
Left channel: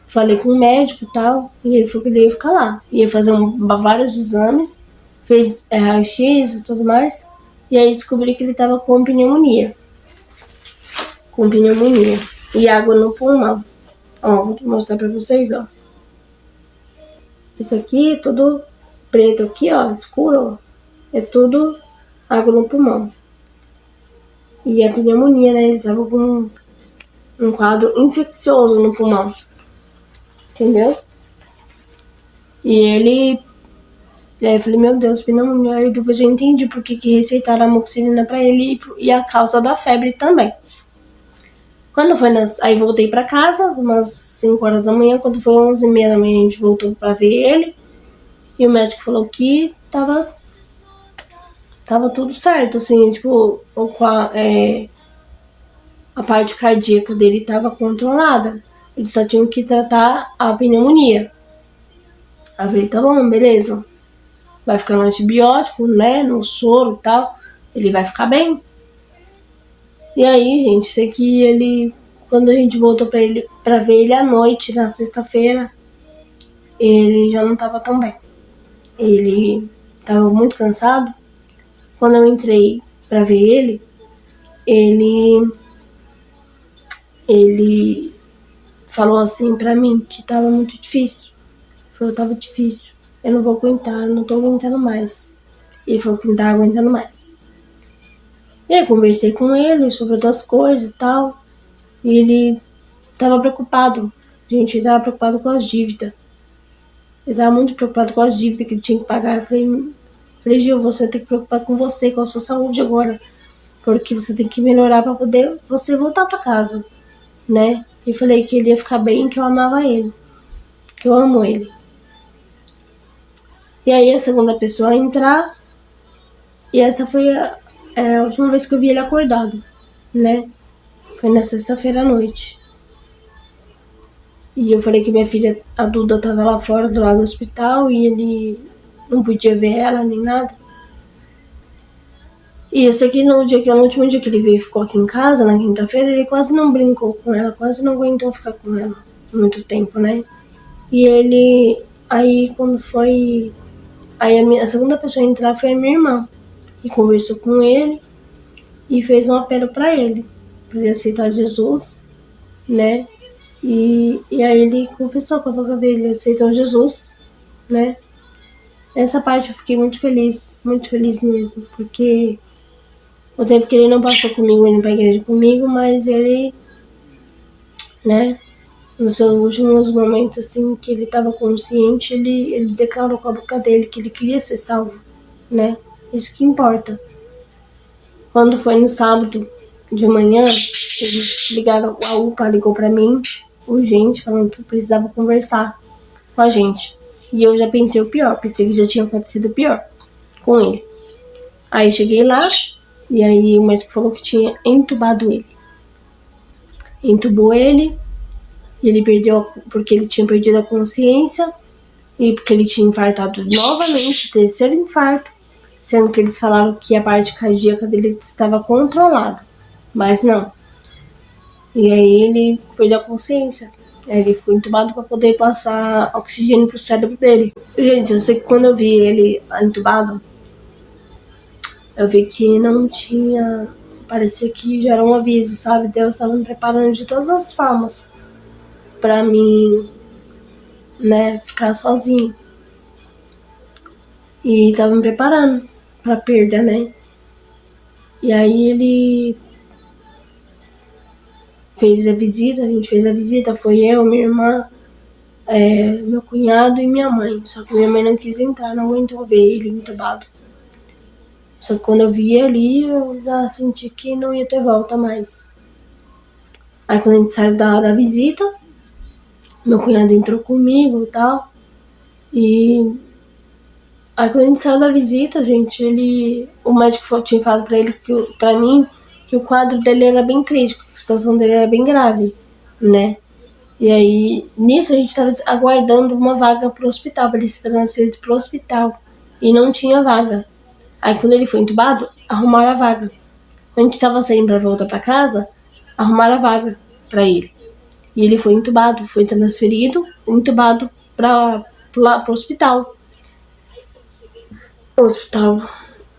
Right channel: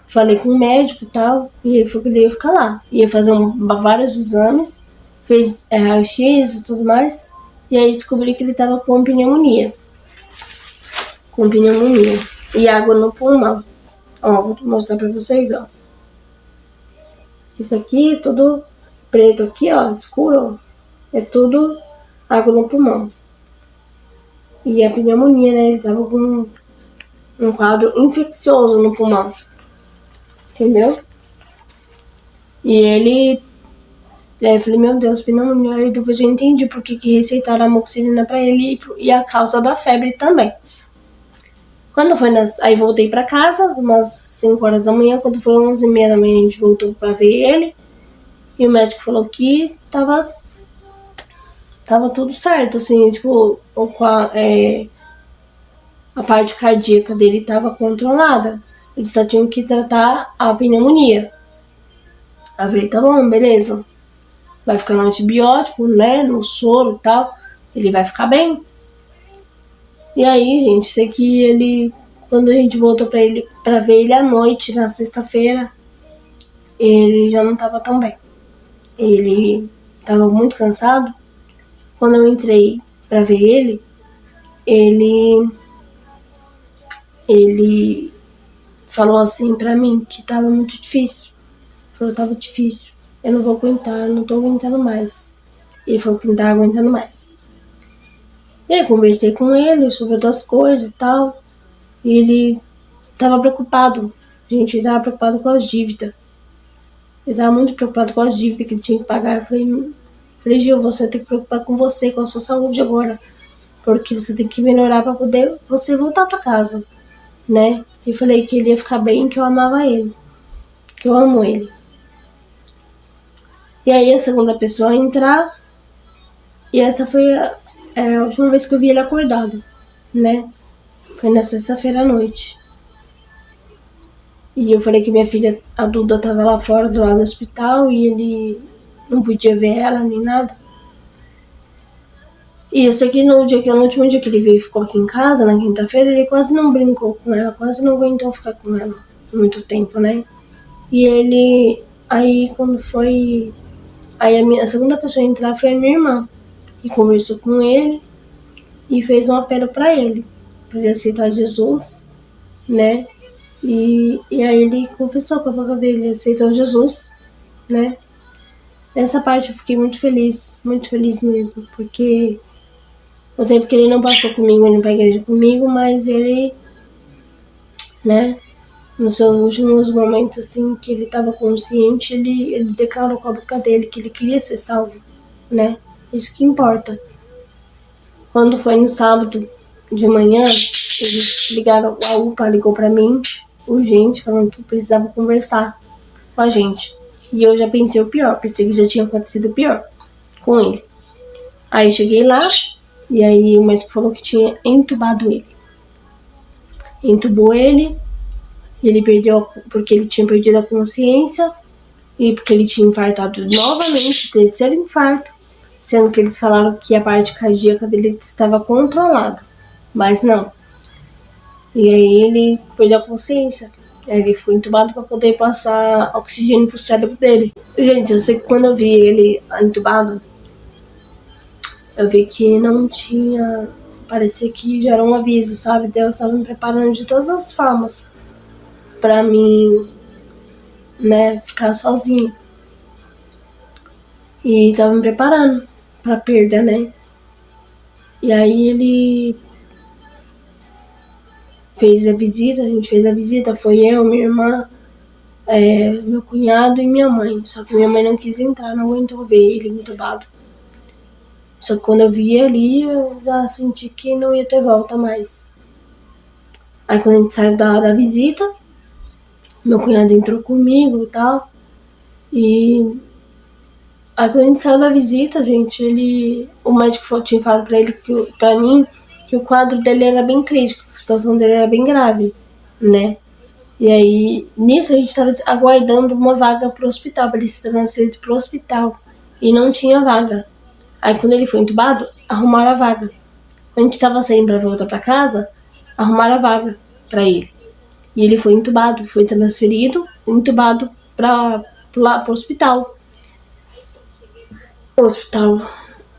Falei com o médico e tal, e ele falou que ele ia ficar lá. Ia fazer vários exames, fez raio-x e tudo mais, e aí descobri que ele tava com pneumonia. E água no pulmão. Ó, vou mostrar pra vocês, ó. Isso aqui, tudo preto aqui, ó, escuro, ó. É tudo água no pulmão. E a pneumonia, né? Ele tava com um quadro infeccioso no pulmão. Entendeu? E ele... eu falei, meu Deus, pneumonia. E depois eu entendi por que receitaram a amoxicilina pra ele e a causa da febre também. Quando foi aí voltei pra casa, umas 5 horas da manhã. Quando foi 11h30 da manhã, a gente voltou pra ver ele. E o médico falou que tava tudo certo, assim, tipo, a parte cardíaca dele tava controlada. Eles só tinham que tratar a pneumonia. Aí eu falei, tá bom, beleza. Vai ficar no antibiótico, né, no soro e tal. Ele vai ficar bem. E aí, gente, sei que ele... Quando a gente voltou pra ver ele à noite, na sexta-feira, ele já não tava tão bem. Ele tava muito cansado. Quando eu entrei pra ver ele falou assim pra mim que tava muito difícil. Falou, tava difícil. Eu não vou aguentar, eu não tô aguentando mais. Ele falou que não tava aguentando mais. E aí conversei com ele sobre outras coisas e tal. E ele tava preocupado. Gente, ele tava preocupado com as dívidas. Ele tava muito preocupado com as dívidas que ele tinha que pagar. Eu falei, Gil, você tem que preocupar com você, com a sua saúde agora. Porque você tem que melhorar pra poder você voltar pra casa, né? E falei que ele ia ficar bem, que eu amava ele. Que eu amo ele. E aí a segunda pessoa a entrar. E essa foi a última vez que eu vi ele acordado, né? Foi na sexta-feira à noite. E eu falei que minha filha, a Duda, tava lá fora do lado do hospital e ele não podia ver ela nem nada. E eu sei que no último dia que ele veio e ficou aqui em casa, na quinta-feira, ele quase não brincou com ela, quase não aguentou ficar com ela muito tempo, né? E ele... Aí quando foi... Aí a segunda pessoa a entrar foi a minha irmã. E conversou com ele e fez um apelo pra ele aceitar Jesus, né? E aí ele confessou com a boca dele, aceitou Jesus, né? Nessa parte eu fiquei muito feliz mesmo, porque o tempo que ele não passou comigo, indo pra igreja comigo, mas ele, né, nos seus últimos momentos, assim, que ele tava consciente, ele declarou com a boca dele que ele queria ser salvo, né? Isso que importa. Quando foi no sábado de manhã, eles ligaram, a UPA ligou pra mim, urgente, falando que precisava conversar com a gente. E eu já pensei o pior, pensei que já tinha acontecido o pior com ele. Aí cheguei lá, e aí o médico falou que tinha entubado ele. Entubou ele, e ele perdeu, porque ele tinha perdido a consciência, e porque ele tinha infartado novamente, terceiro infarto, sendo que eles falaram que a parte cardíaca dele estava controlada, mas não. E aí ele perdeu a consciência. Ele foi entubado para poder passar oxigênio pro cérebro dele. Gente, eu sei que quando eu vi ele entubado, eu vi que não tinha... Parecia que já era um aviso, sabe? Deus estava me preparando de todas as formas pra mim, né, ficar sozinho. E tava me preparando pra perda, né? E aí ele fez a visita, a gente fez a visita, foi eu, minha irmã, meu cunhado e minha mãe. Só que minha mãe não quis entrar, não aguentou ver ele entubado. Só que quando eu vi ali, eu já senti que não ia ter volta mais. Aí quando a gente saiu da visita, meu cunhado entrou comigo e tal. E aí quando a gente saiu da visita, gente, o médico tinha falado pra mim, que o quadro dele era bem crítico, a situação dele era bem grave, né? E aí, nisso a gente tava aguardando uma vaga pro hospital, pra ele ser transferido pro hospital. E não tinha vaga. Aí quando ele foi entubado, arrumaram a vaga. Quando a gente tava saindo pra voltar pra casa, arrumaram a vaga pra ele. E ele foi entubado, foi transferido, entubado lá pro hospital. O hospital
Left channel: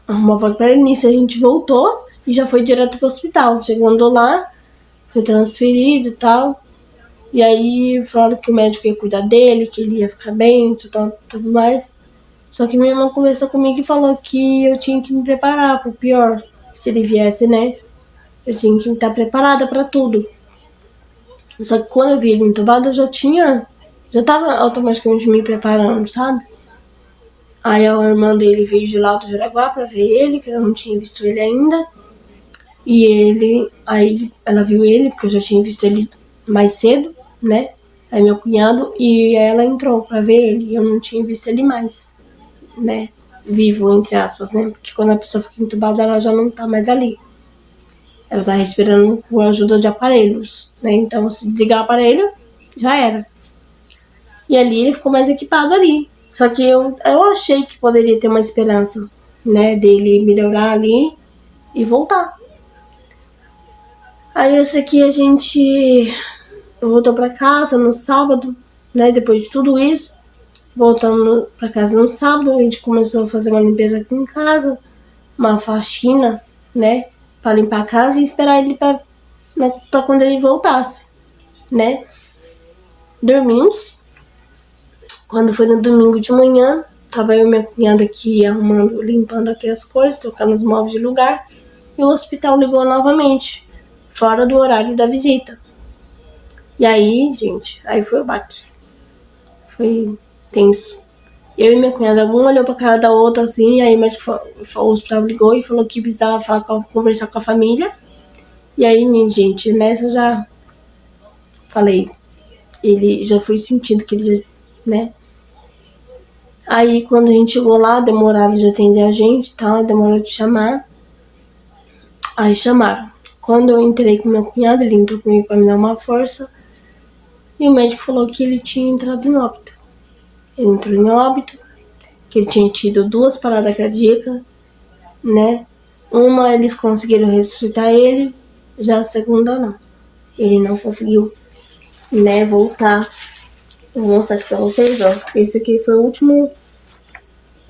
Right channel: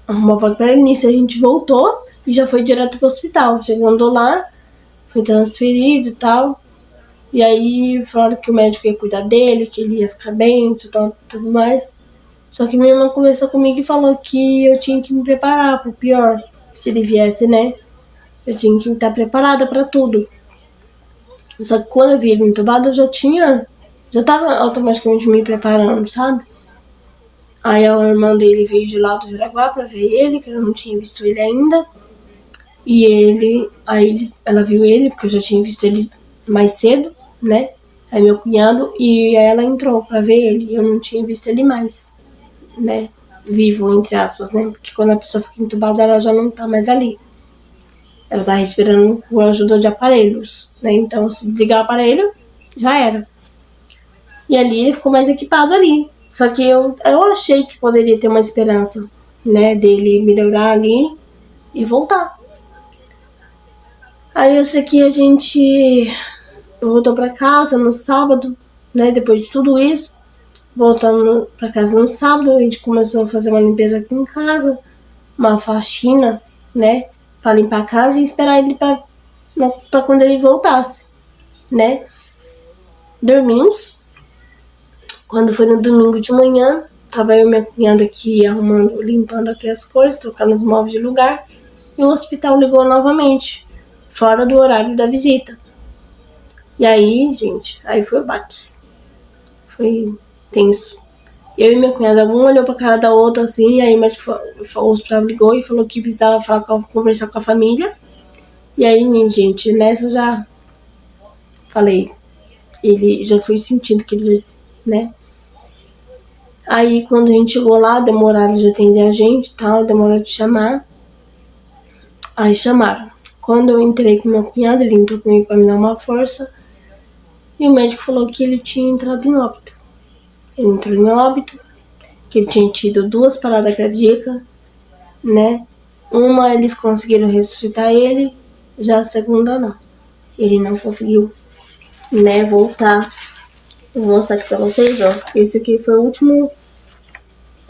arrumou a vaga pra ele, nisso a gente voltou e já foi direto pro hospital. Chegando lá, foi transferido e tal. E aí falaram que o médico ia cuidar dele, que ele ia ficar bem, tudo mais. Só que minha irmã conversou comigo e falou que eu tinha que me preparar pro pior. Se ele viesse, né? Eu tinha que estar preparada pra tudo. Só que quando eu vi ele entubado, já tava automaticamente me preparando, sabe? Aí a irmã dele veio de lá do Jaraguá pra ver ele, que eu não tinha visto ele ainda. E aí ela viu ele, porque eu já tinha visto ele mais cedo, né? Aí meu cunhado, e aí ela entrou pra ver ele, e eu não tinha visto ele mais, né? Vivo, entre aspas, né? Porque quando a pessoa fica entubada, ela já não tá mais ali. Ela tá respirando com a ajuda de aparelhos, né? Então, se desligar o aparelho, já era. E ali ele ficou mais equipado ali. Só que eu achei que poderia ter uma esperança, né? Dele melhorar ali e voltar. Aí eu sei que a gente voltou pra casa no sábado, né? Depois de tudo isso, voltando pra casa no sábado, a gente começou a fazer uma limpeza aqui em casa, uma faxina, né? Pra limpar a casa e esperar ele pra quando ele voltasse, né? Dormimos. Quando foi no domingo de manhã, tava eu e minha cunhada aqui arrumando, limpando aqui as coisas, trocando os móveis de lugar, e o hospital ligou novamente, fora do horário da visita. E aí, gente, aí foi o baque. Foi tenso. Eu e minha cunhada, uma olhou pra cara da outra assim, e aí o médico, o hospital ligou e falou que precisava conversar com a família. E aí, minha gente, nessa já falei, ele já foi sentindo que ele, né? Aí quando a gente chegou lá, demoraram de atender a gente e tal, demorou de chamar. Aí chamaram. Quando eu entrei com meu cunhado, ele entrou comigo pra me dar uma força. E o médico falou que ele tinha entrado em óbito. Ele entrou em óbito, que ele tinha tido 2 paradas cardíacas, né? Uma eles conseguiram ressuscitar ele, já a segunda não. Ele não conseguiu, né, voltar. Vou mostrar aqui pra vocês, ó. Esse aqui foi o último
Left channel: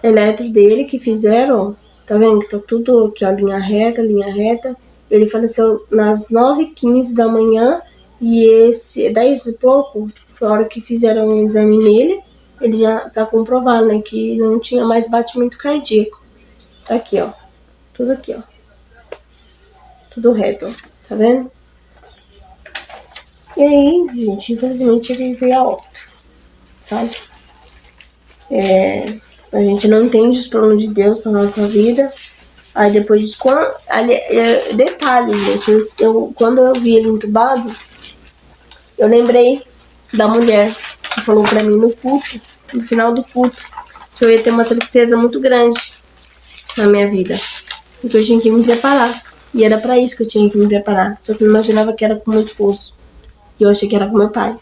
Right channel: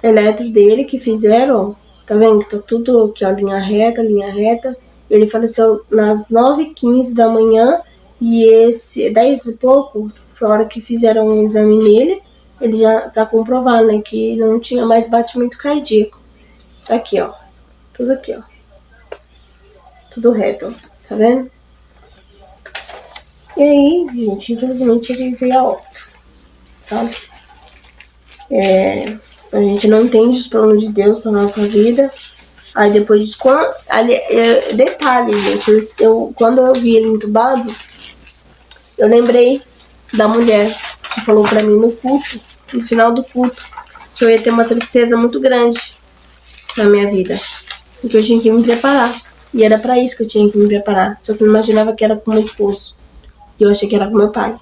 eletro dele que fizeram, ó. Tá vendo que tá tudo aqui, ó, linha reta, linha reta. Ele faleceu nas 9h15 da manhã e esse 10 e pouco foi a hora que fizeram um exame nele, ele já pra comprovar, né, que não tinha mais batimento cardíaco. Tá aqui, ó. Tudo aqui, ó. Tudo reto, ó. Tá vendo? E aí, gente, infelizmente ele veio a óbito, sabe? A gente não entende os planos de Deus pra nossa vida. Aí depois, detalhe, gente, quando eu vi ele entubado, eu lembrei da mulher que falou pra mim no culto, no final do culto, que eu ia ter uma tristeza muito grande na minha vida, porque eu tinha que me preparar. E era pra isso que eu tinha que me preparar. Só que eu não imaginava que era com meu esposo. E eu achei que era com meu pai.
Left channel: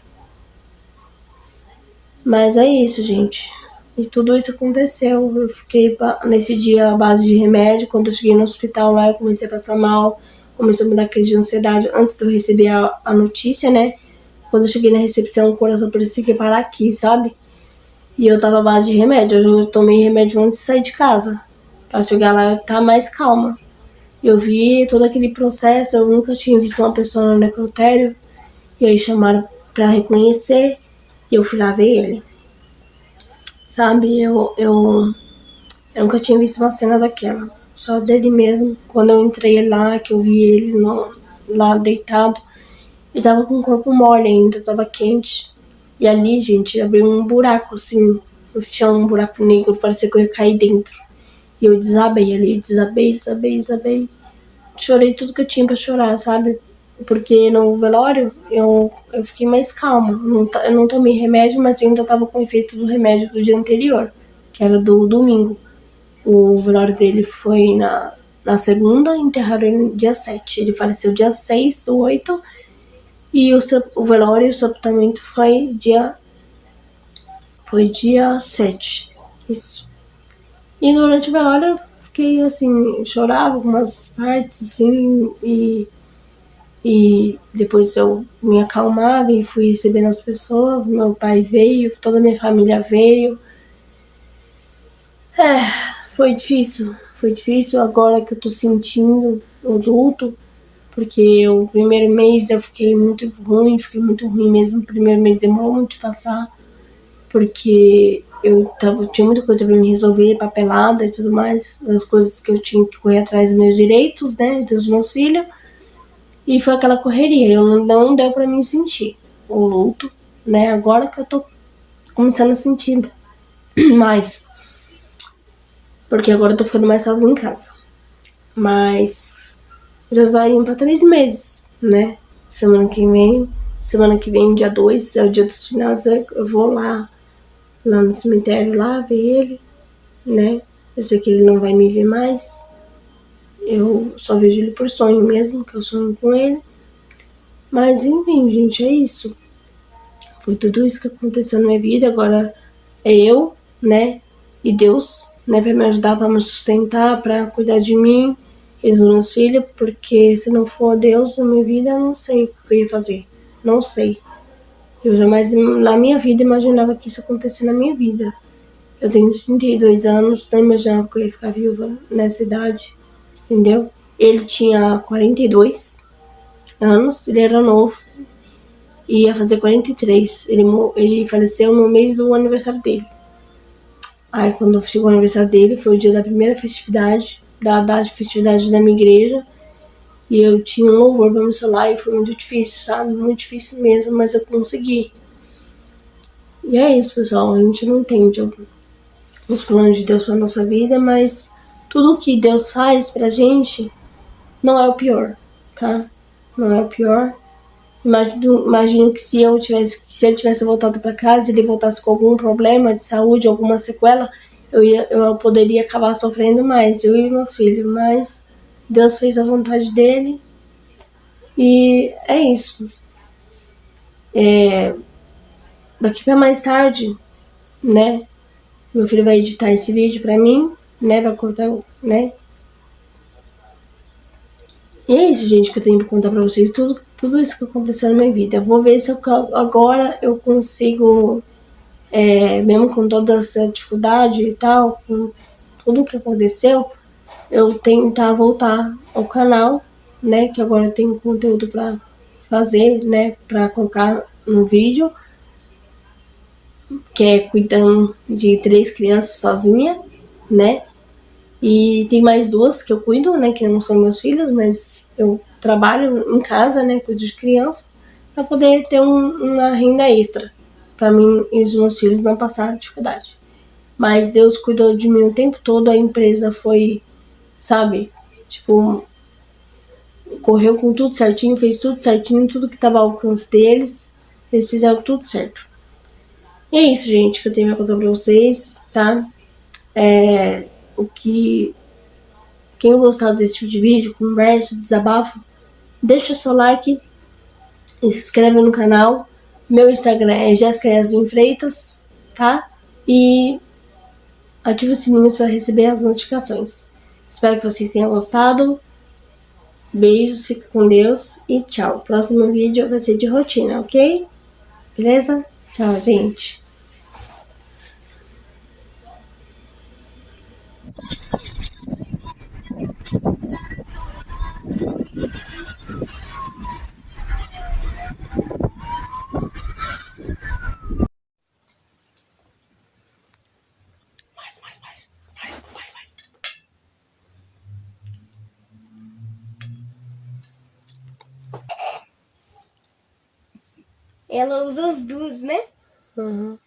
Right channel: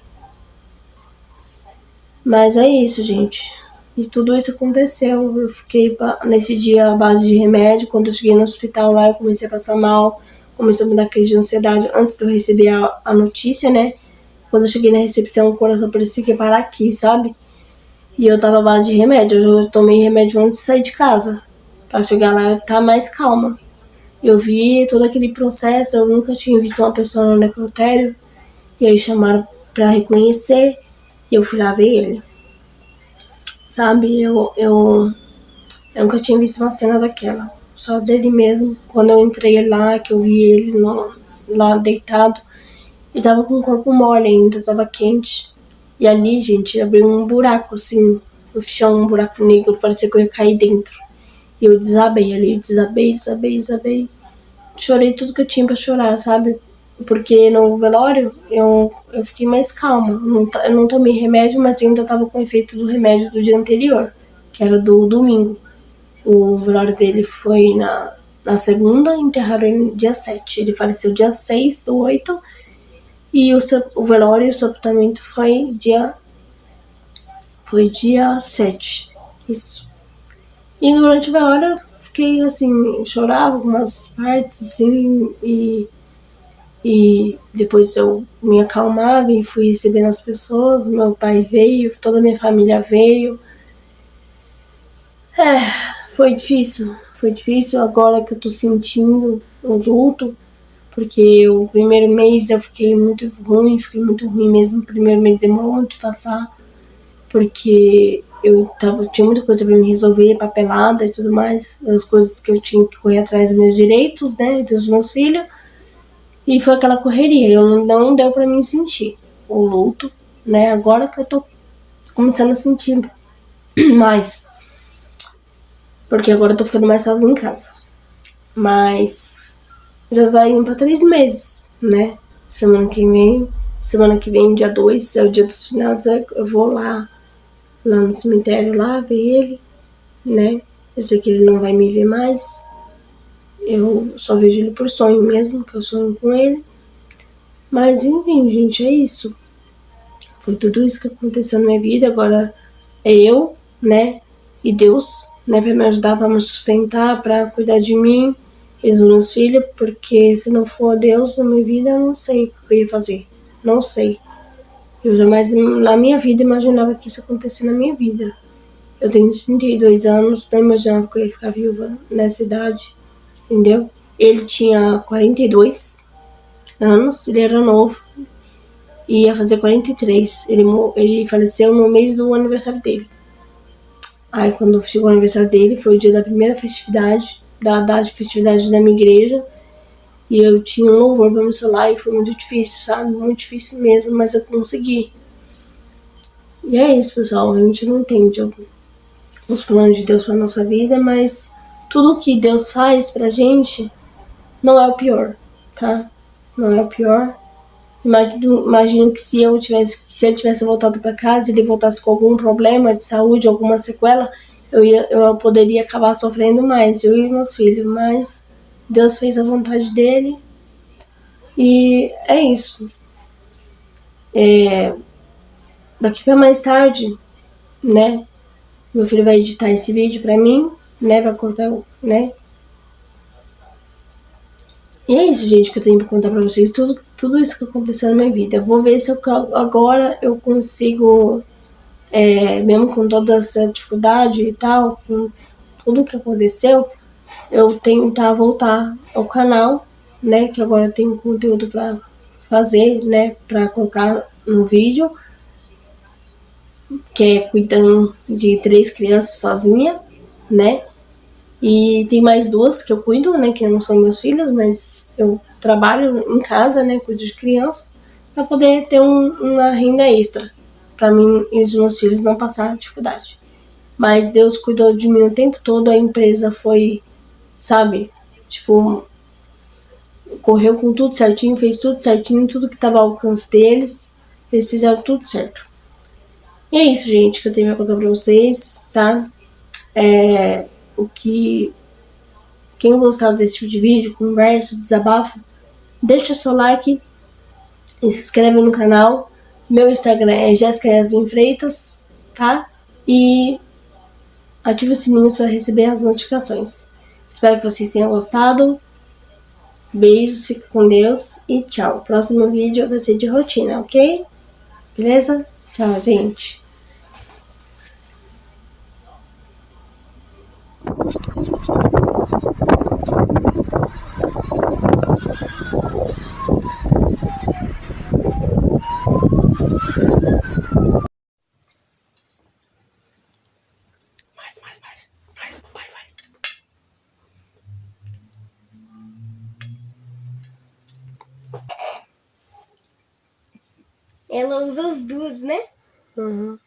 Mas é isso, gente. E tudo isso aconteceu. Eu fiquei nesse dia à base de remédio. Quando eu cheguei no hospital lá, eu comecei a passar mal. Começou a me dar crise de ansiedade antes de eu receber a notícia, né? Quando eu cheguei na recepção, o coração parecia que ia parar aqui, sabe? E eu tava à base de remédio. Eu tomei remédio antes de sair de casa. Pra chegar lá eu estar mais calma. Eu vi todo aquele processo. Eu nunca tinha visto uma pessoa no necrotério. E aí chamaram pra reconhecer. E eu fui lá ver ele. Sabe, eu nunca tinha visto uma cena daquela. Só dele mesmo. Quando eu entrei lá, que eu vi ele lá deitado, ele tava com o corpo mole ainda, tava quente. E ali, gente, abriu um buraco, assim, no chão, um buraco negro, parecia que eu ia cair dentro. E eu desabei ali, desabei. Chorei tudo que eu tinha pra chorar, sabe? Porque no velório eu fiquei mais calma. Eu não tomei remédio, mas ainda tava com o efeito do remédio do dia anterior, que era do domingo. O velório dele foi na segunda, enterraram ele dia 7. Ele faleceu dia 6/8 E o velório e o sepultamento foi dia 7. Isso. E durante o velório eu fiquei assim, chorava algumas partes, assim, e depois eu me acalmava e fui recebendo as pessoas. Meu pai veio, toda a minha família veio. Foi difícil. Foi difícil agora que eu tô sentindo o luto, porque o primeiro mês eu fiquei muito ruim mesmo. O primeiro mês demorou muito de passar, porque tinha muita coisa pra me resolver, papelada e tudo mais, as coisas que eu tinha que correr atrás dos meus direitos, né, dos meus filhos, e foi aquela correria, não deu pra mim sentir o luto, né, agora que eu tô começando a sentir mais, porque agora eu tô ficando mais sozinha em casa, mas já vai indo pra 3 meses, né, semana que vem, dia 2 é o dia dos finados, eu vou lá no cemitério, lá ver ele, né? Eu sei que ele não vai me ver mais. Eu só vejo ele por sonho mesmo, que eu sonho com ele. Mas enfim, gente, é isso. Foi tudo isso que aconteceu na minha vida. Agora é eu, né? E Deus, né? Pra me ajudar, pra me sustentar, pra cuidar de mim e dos meus filhos. Porque se não for Deus na minha vida, eu não sei o que eu ia fazer. Não sei. Eu jamais na minha vida imaginava que isso acontecesse na minha vida. Eu tenho 32 anos, não imaginava que eu ia ficar viúva nessa idade, entendeu? Ele tinha 42 anos, ele era novo, e ia fazer 43. Ele faleceu no mês do aniversário dele. Aí, quando chegou o aniversário dele, foi o dia da primeira festividade, da festividade da minha igreja, e eu tinha um louvor pra me celular, e foi muito difícil, sabe? Muito difícil mesmo, mas eu consegui. E é isso, pessoal, a gente não entende os planos de Deus para nossa vida, mas tudo que Deus faz pra gente não é o pior, tá? Não é o pior. Imagino que se ele tivesse voltado para casa e ele voltasse com algum problema de saúde, alguma sequela, eu poderia acabar sofrendo mais, eu e meus filhos, mas Deus fez a vontade dele e é isso. Daqui para mais tarde, né? Meu filho vai editar esse vídeo para mim, né? Vai cortar, né? E é isso, gente, que eu tenho pra contar pra vocês. Tudo isso que aconteceu na minha vida. Eu vou ver se agora eu consigo, mesmo com toda essa dificuldade e tal, com tudo que aconteceu, eu tentar voltar ao canal, né? Que agora eu tenho conteúdo pra fazer, né? Pra colocar no vídeo, que é cuidando de 3 crianças sozinha, né? E tem mais 2 que eu cuido, né? Que não são meus filhos, mas eu trabalho em casa, né? Cuido de criança, para poder ter uma renda extra, para mim e os meus filhos não passar dificuldade. Mas Deus cuidou de mim o tempo todo, a empresa foi, sabe? Tipo, correu com tudo certinho, fez tudo certinho, tudo que estava ao alcance deles, eles fizeram tudo certo. E é isso, gente, que eu tenho a contar pra vocês, tá? O que Quem gostar desse tipo de vídeo, conversa, desabafo, deixa seu like e se inscreve no canal. Meu Instagram é Jéssica Yasmin Freitas, tá? E ative os sininhos para receber as notificações. Espero que vocês tenham gostado. Beijos, fica com Deus e tchau. Próximo vídeo vai ser de rotina, ok? Beleza? Tchau, gente. Vai. Ela usa as duas, né? Uhum.